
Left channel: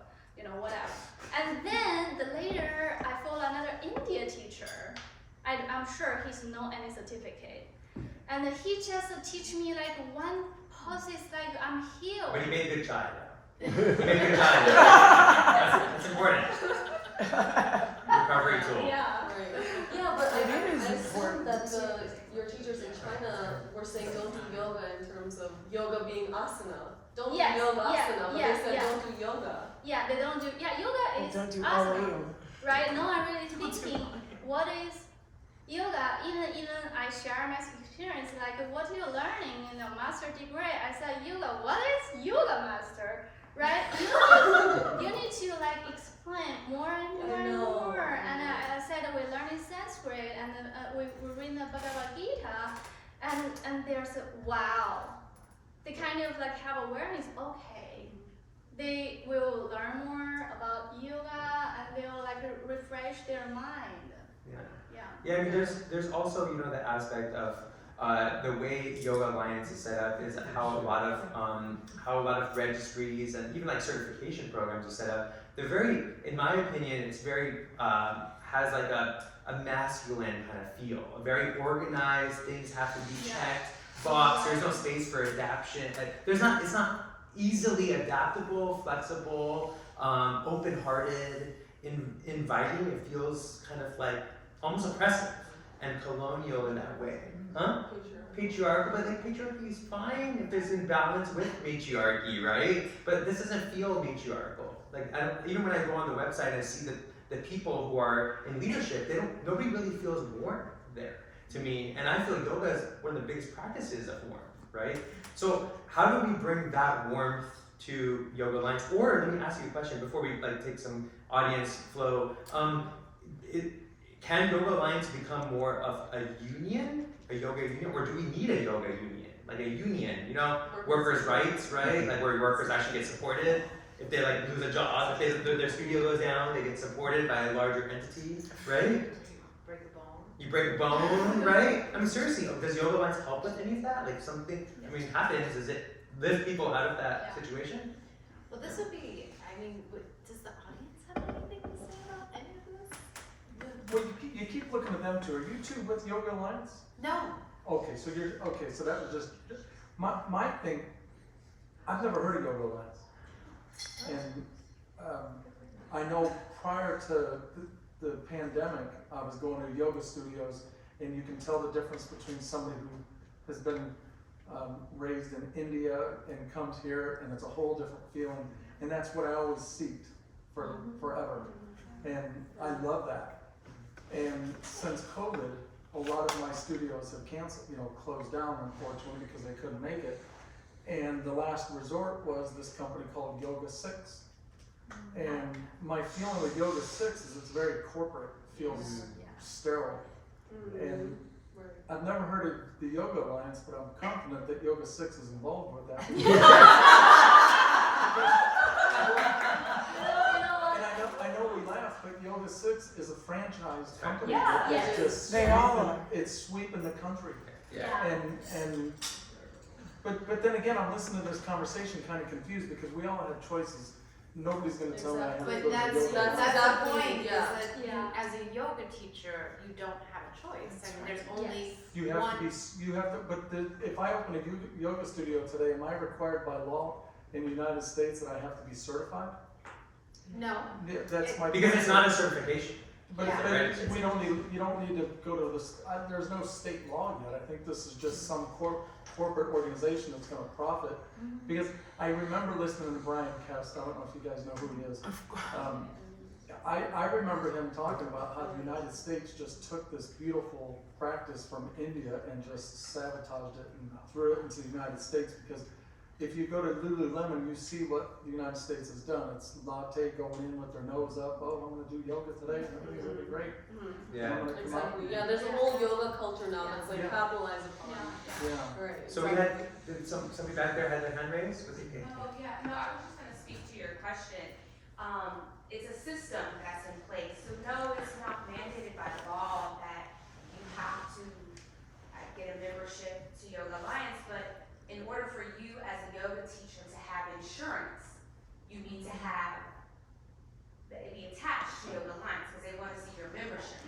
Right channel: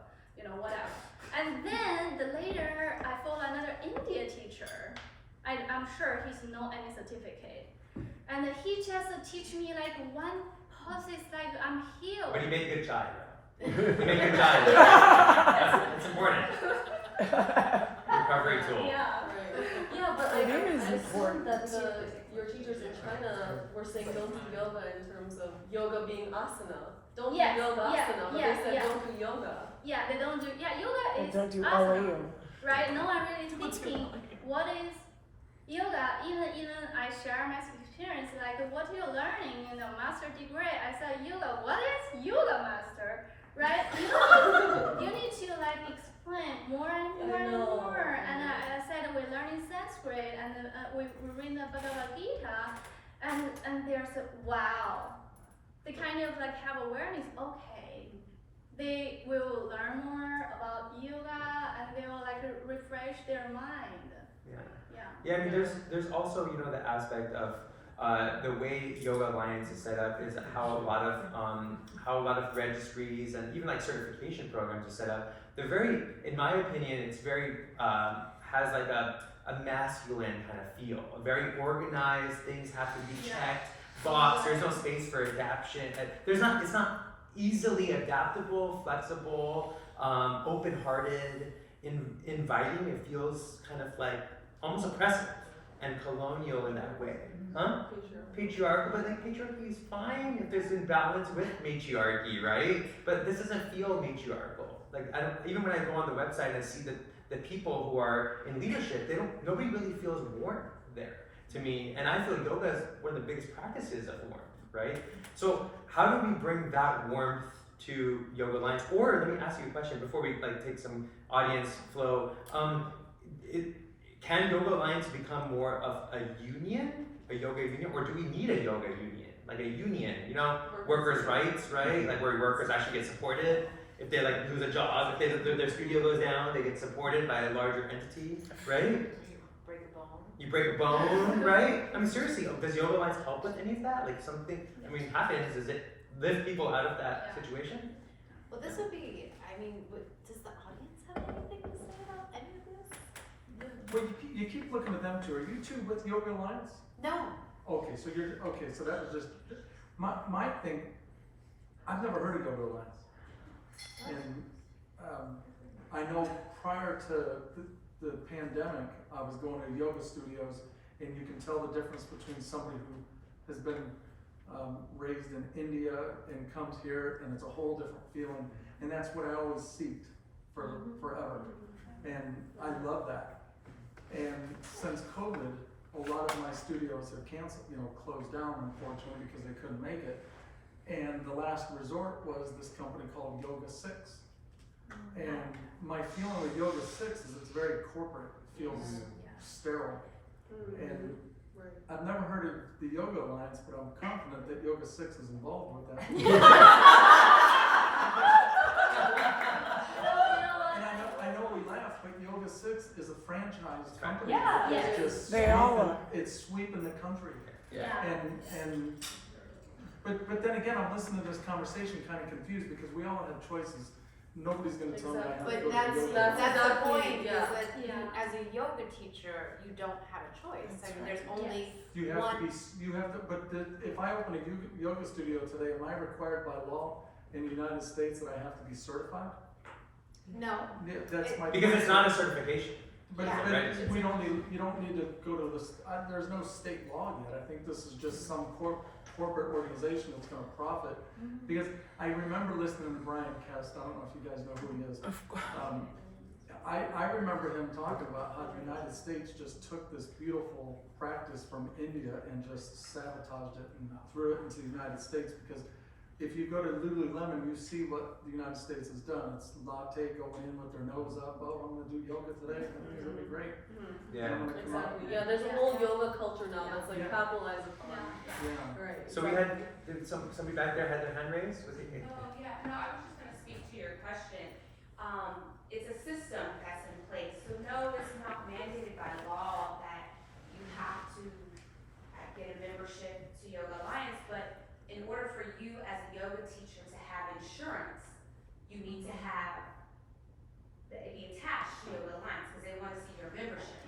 whatever. And then later, I followed another India teacher. I'm sure he's no any certificate. And he just teach me like one process, like I'm healed. But he made good chai though. He made good chai though. That's important. Recovery tool. Yeah. Yeah, but I assume that your teachers in China were saying don't do yoga in terms of yoga being asana. Don't do yoga asana, but they said don't do yoga. Yeah, they don't do, yoga is Don't do asana, RA. right? No one really thinking what is yoga. Even I share my experience, like what you're learning in the master degree. I said yoga. What is yoga, master? Right? You need to like explain more and more and more. And I said we're learning Sanskrit, and we read the Bhagavad Gita, and there's wow. They kind of like have awareness. Okay, they will learn more about yoga, and they will like refresh their mind. Yeah, I mean, there's also the aspect of the way Yoga Alliance is set up is how a lot of registries and even like certification programs are set up. They're very, in my opinion, it's very has like a masculine kind of feel. Very organized. Things have to be checked, boxed. There's no space for adaptation. It's not easily adaptable, flexible, open-hearted, inviting. It feels kind of like almost oppressive and colonial in that way. Huh? Patriarchal, but I think patriarchy is fine if there's imbalance with matriarchy, right? But this doesn't feel matriarchal. Like even when I go on the website and I see the people who are in leadership, nobody really feels warm there to me. And I feel yoga is one of the biggest practices of warmth, right? So how do we bring that warmth to Yoga Alliance? Or let me ask you a question before we take some audience flow. Can Yoga Alliance become more of a union, a yoga union, or do we need a yoga union? Like a union, workers' rights, right? Like where workers actually get supported. If they lose a job, if their studio goes down, they get supported by a larger entity, right? You break a bone, right? I mean, seriously, does Yoga Alliance help with any of that? Like something, happens, does it lift people out of that situation? Well, this would be, does the audience have anything to say about any of this? Well, you keep looking at them too. Are you two with Yoga Alliance? No. Okay, so that was just my thing. I've never heard of Yoga Alliance, and I know prior to the pandemic, I was going to yoga studios, and you can tell the difference between somebody who has been raised in India and comes here, and it's a whole different feeling. And that's what I always seeked forever, and I love that. And since COVID, a lot of my studios have canceled, closed down, unfortunately, because they couldn't make it. And the last resort was this company called Yoga 6. And my feeling with Yoga 6 is it's very corporate, it feels sterile. And I've never heard of the Yoga Alliance, but I'm confident that Yoga 6 is involved with that. I know we laugh, but Yoga 6 is a franchised company. Yeah, It's just They all are. it's sweeping the country. Yeah. But then again, I'm listening to this conversation kind of confused because we all have choices. Nobody's going to tell me I have to But go to that's yoga. the exactly, point, yeah. is that Yeah. as a yoga teacher, you don't have a choice. There's only You have one. to be. You have to. But if I open a yoga studio today, am I required by law in the United States that I have to be certified? No. Yeah, that's my. Because it's not a certification. But Yeah. Right. we don't need. You don't need to go to this. There's no state law yet. I think this is just some corporate organization that's going to profit. Because I remember listening to Brian Kest. I don't know if you guys know who he is. I remember him talking about how the United States just took this beautiful practice from India and just sabotaged it and threw it into the United States because if you go to Lululemon, you see what the United States has done. It's latte going in with their nose up. Oh, I'm gonna do yoga today. Everything's gonna be great. Yeah. I'm gonna come out. Exactly. Yeah, there's a whole yoga culture now that's like Yeah. capitalized upon. Yeah. Right. So we had, did somebody back there had their hand raised? Was it? No, yeah, no, I was just gonna speak to your question. It's a system that's in place, so no, it's not mandated by law that you have to get a membership to Yoga Alliance, but in order for you as a yoga teacher to have insurance, you need to have, it be attached to Yoga Alliance, because they wanna see your membership.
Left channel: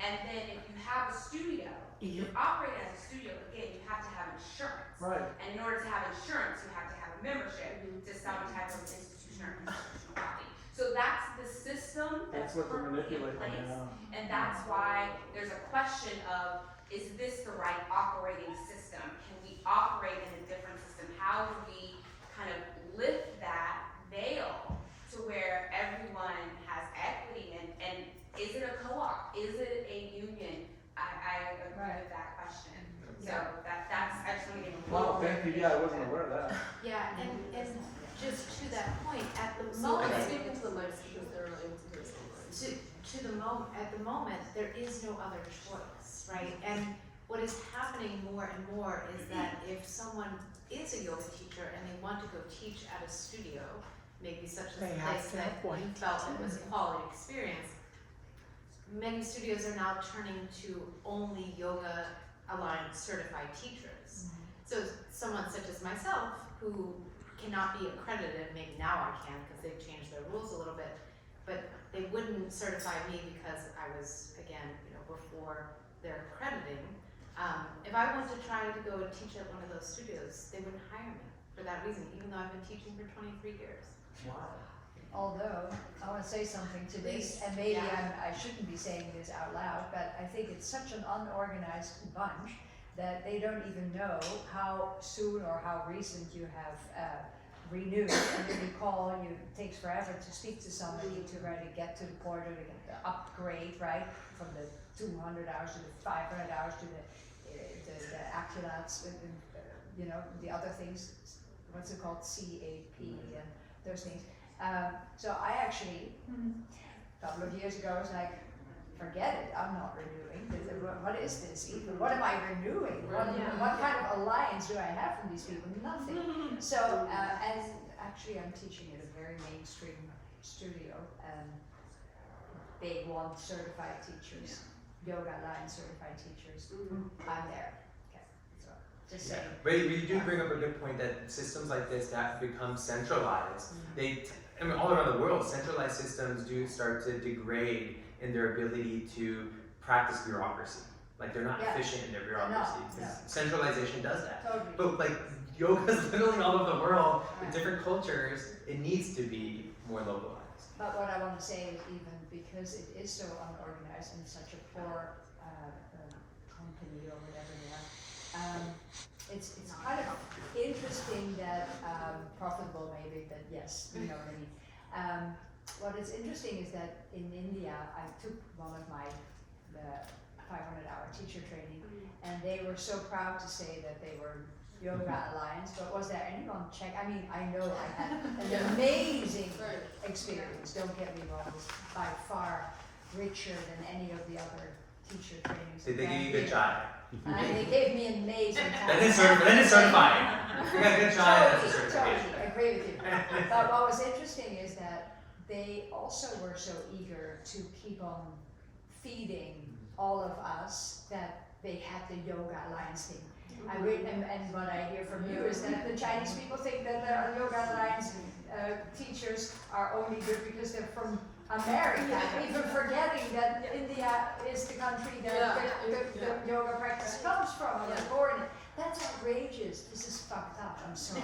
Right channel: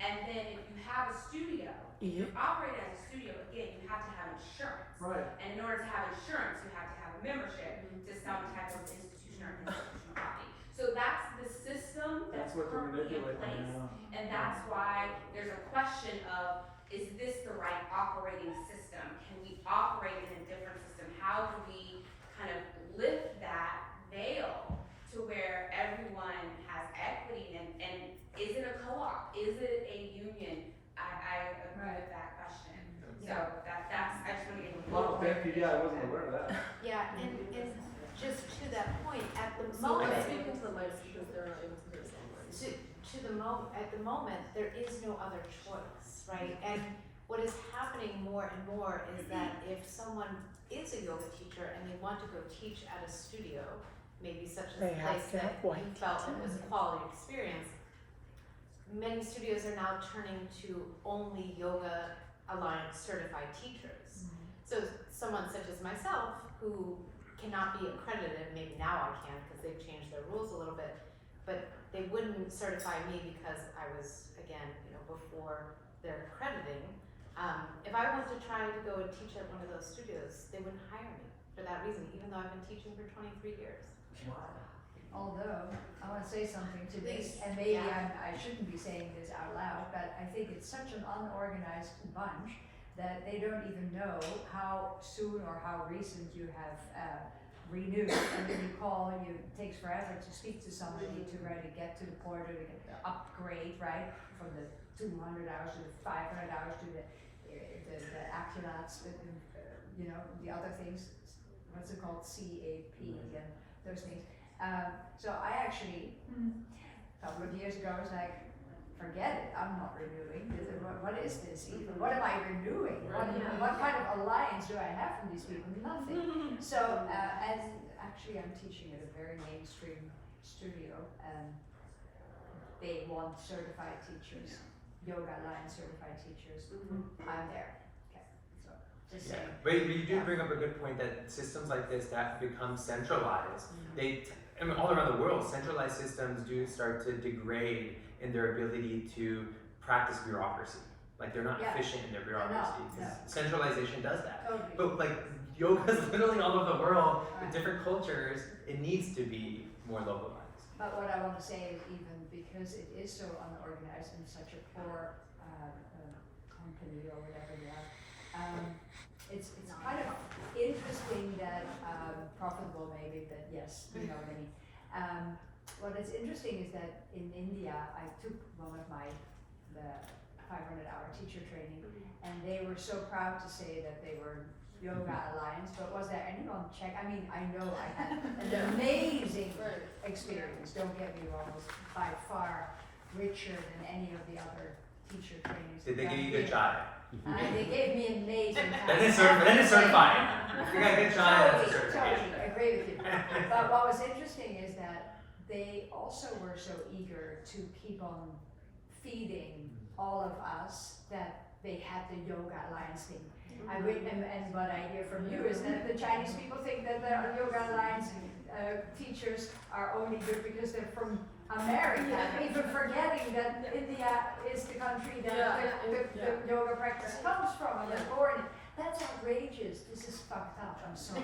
And then if you have a studio, if you operate as a studio, again, you have to have insurance. Right. And in order to have insurance, you have to have a membership to some type of institution or institutional body. So that's the system that's That's what they're currently in manipulating. place. And that's why there's a question of, is this the right operating system? Can we operate in a different system? How do we kind of lift that veil to where everyone has equity and is it a co-op? Is it a union? I agree with that question. So that's, I just want to give a Oh, little. thank you. Yeah, I wasn't aware of that. Yeah, and just to that point, at the So moment, I'm speaking to the mics because they're not able to hear something. at the moment, there is no other choice, right? And what is happening more and more is that if someone is a yoga teacher and they want to go teach at a studio, maybe such as They the have place to that you appoint. felt it was a quality experience, many studios are now turning to only Yoga Alliance certified teachers. So someone such as myself, who cannot be accredited, maybe now I can because they've changed their rules a little bit, but they wouldn't certify me because I was, again, before their accrediting. If I wanted to try to go and teach at one of those studios, they wouldn't hire me for that reason, even though I've been teaching for 23 years. Wow. Although, I want to say something to this, Please, and maybe yeah. I shouldn't be saying this out loud, but I think it's such an unorganized bunch that they don't even know how soon or how recent you have renewed. And then you call, it takes forever to speak to somebody to try to get to the portal, to get the upgrade, right? From the 200 hours to the 500 hours to the accurats, the other things, what's it called, CAP and those things. So I actually, a couple of years ago, was like, forget it, I'm not renewing. What is this even? What am I renewing? What kind of alliance do I have from these people? Nothing. So, and actually I'm teaching at a very mainstream studio, and they want certified teachers, Yoga Alliance certified teachers. I'm there. Okay, so just Yeah, saying. but you do bring up a good point that systems like this that become centralized, all around the world, centralized systems do start to degrade in their ability to practice bureaucracy. Like they're not efficient in their bureaucracy. Because centralization does that. Totally. But like yoga is literally all over the world with different cultures. It needs to be more localized. But what I want to say is even because it is so unorganized and such a poor company or whatever they are, it's kind of interesting that, profitable maybe, but yes, you know what I mean. What is interesting is that in India, I took one of the 500-hour teacher training, and they were so proud to say that they were Yoga Alliance, but was there anyone check? I mean, I know I had an amazing experience, don't get me wrong, it was by far richer than any of the other teacher trainings. Did they that give you I good did. chai? They gave me amazing time. Then it's certified. If you got good chai, that's a certification. Totally, I agree with you. But what was interesting is that they also were so eager to keep on feeding all of us that they had the Yoga Alliance thing. And what I hear from you is that the Chinese people think that the Yoga Alliance teachers are only good because they're from America, even forgetting that India is the country that the yoga practice comes from and was born in. That's outrageous. This is fucked up. I'm sorry.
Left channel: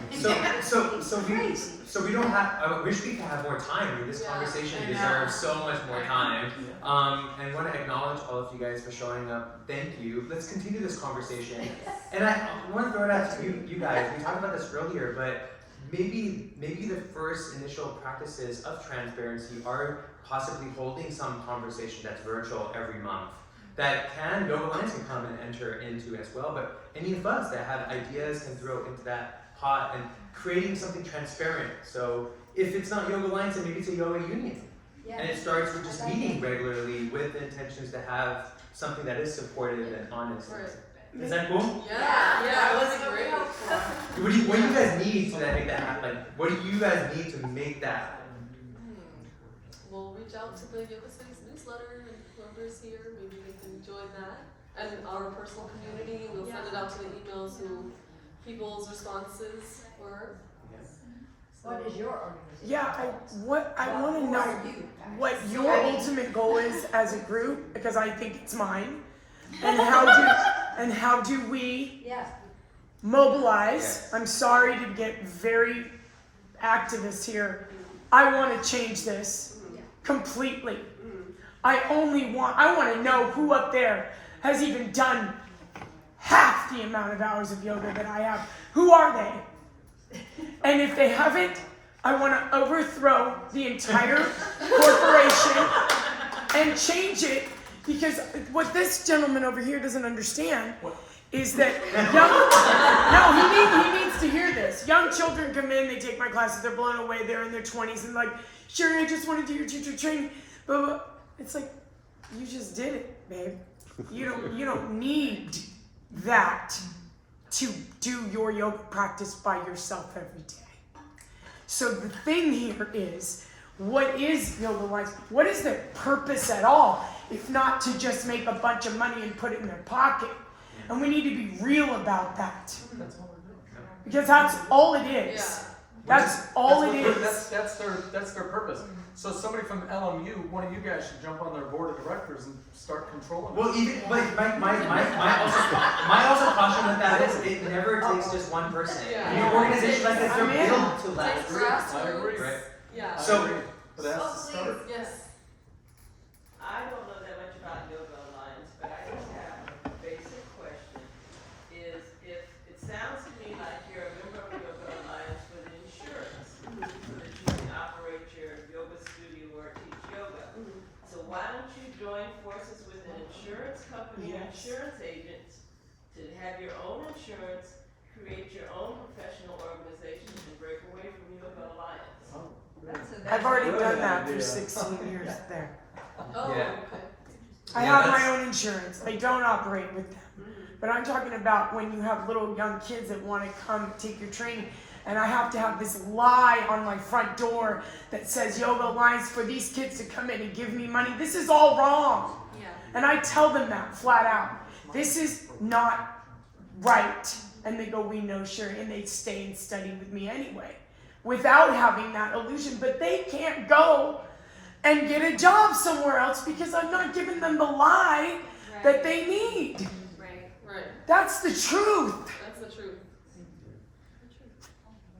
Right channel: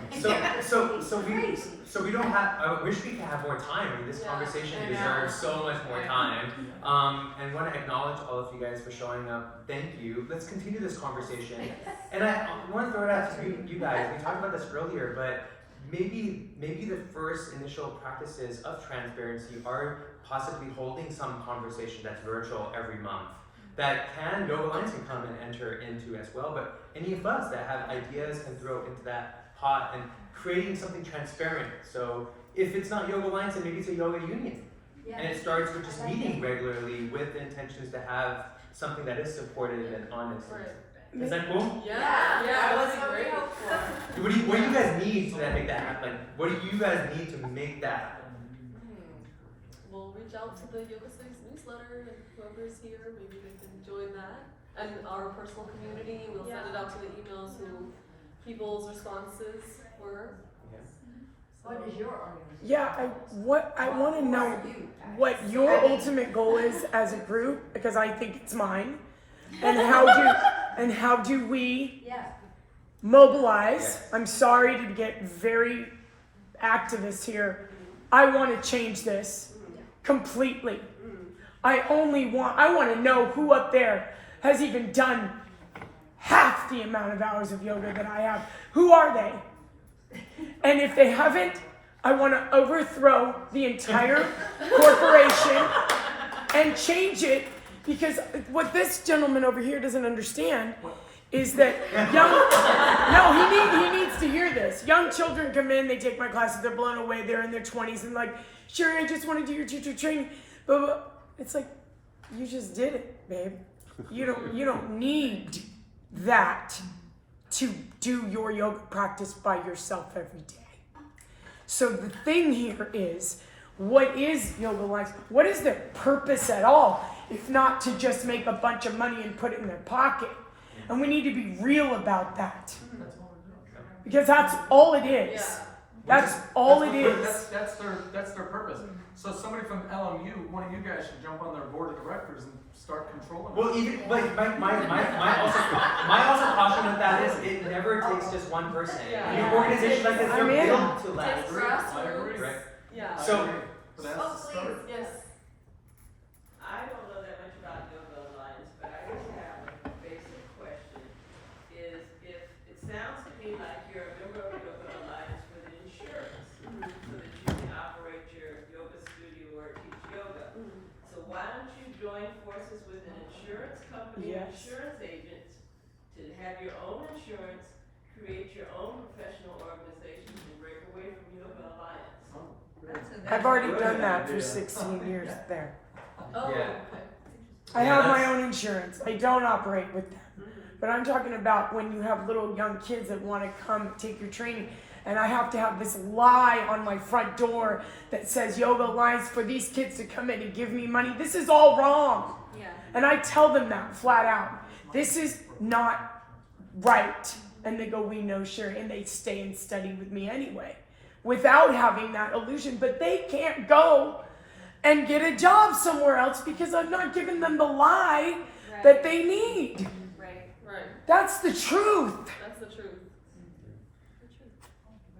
So we don't have. I wish we could have more time. I mean, this conversation deserves so much more time. And want to acknowledge all of you guys for showing up. Thank you. Let's continue this conversation. And I want to throw it out to you guys. We talked about this earlier, but maybe the first initial practices of transparency are possibly holding some conversation that's virtual every month. That Yoga Alliance can come and enter into as well, but any of us that have ideas can throw into that taught, and creating something transparent. So if it's not Yoga Alliance, then maybe it's a yoga union. Yeah. And it starts with just meeting regularly with the intentions to have something that is supportive and honest. Right. Is that cool? Yeah, that was that'd be great. helpful. What do you guys need to make that happen? Like, what do you guys need to make that happen? We'll reach out to the Yoga Space newsletter and whoever's here, maybe they can join that. And our personal community, we'll send it out to the emails who people's responses were. What is your organization? Yeah, I want to Who know are you guys? what your I mean- ultimate goal is as a group, because I think it's mine. And how do we Yeah. mobilize? Yes. I'm sorry to get very activist here. I want to change this completely. I want to know who up there has even done half the amount of hours of yoga that I have. Who are they? And if they haven't, I want to overthrow the entire corporation and change it, because what this gentleman over here doesn't understand is that he needs to hear this. Young children come in, they take my classes, they're blown away, they're in their 20s, and like, sure, I just want to do your teacher training, but it's like, you just did it, babe. You don't need that to do your yoga practice by yourself every day. So the thing here is, what is Yoga Alliance? What is their purpose at all, if not to just make a bunch of money and put it in their pocket? And we need to be real about that, because that's all it is. Yeah. That's all it is. That's their purpose. So somebody from LMU, one of you guys should jump on their board of directors and start controlling. Well, even like my also caution with that is it never takes just one person. Yeah. Your organization like this, they're I'm in. built to It's last. grassroots. Right. Yeah. So- But that's the start. Yes. I don't know that much about Yoga Alliance, but I just have a basic question. Is if it sounds to me like you're a member of Yoga Alliance for the insurance, so that you can operate your yoga studio or teach yoga. So why don't you join forces with an insurance company or Yes. insurance agents to have your own insurance, create your own professional organization and break away from Yoga Alliance? I've already done that for 16 years there. Oh, Yeah. okay. I Yeah, have my that's- own insurance. I don't operate with them. But I'm talking about when you have little young kids that want to come take your training, and I have to have this lie on my front door that says Yoga Alliance for these kids to come in and give me money. This is all wrong. Yeah. And I tell them that flat out. This is not right. And they go, we know, sure. And they stay and study with me anyway, without having that illusion. But they can't go and get a job somewhere else because I'm not giving them the lie that they need. Right. Right. That's the truth. That's the truth.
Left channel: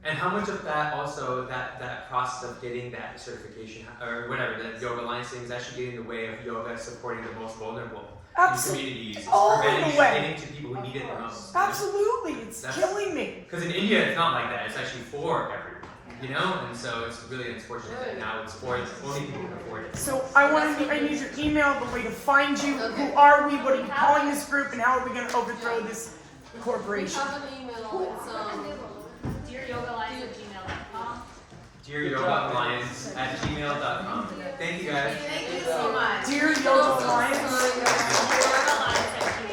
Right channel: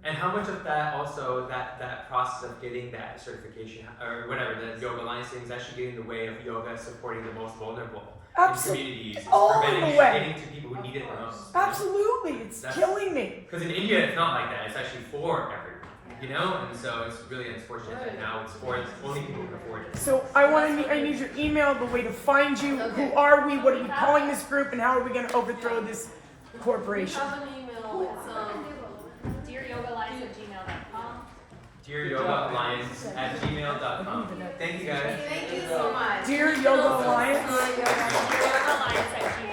And how much of that also, that process of getting that certification or whatever, the Yoga Alliance thing is actually getting in the way of yoga supporting the most vulnerable in communities. It's All the preventing way. getting to people who need it the most. Absolutely. It's That's- killing me. Because in India, it's not like that. It's actually for everyone, you know? And so it's really unfortunate that now it's for only people who can afford it. So I need your email, the way to find you. Okay. Who are we? What are we calling this group? And how are we going to overthrow this We corporation? have an email. It's DearYogaAlliance@gmail.com. DearYogaAlliance@gmail.com. Thank you guys. Thank you so much. Dear Yoga Alliance.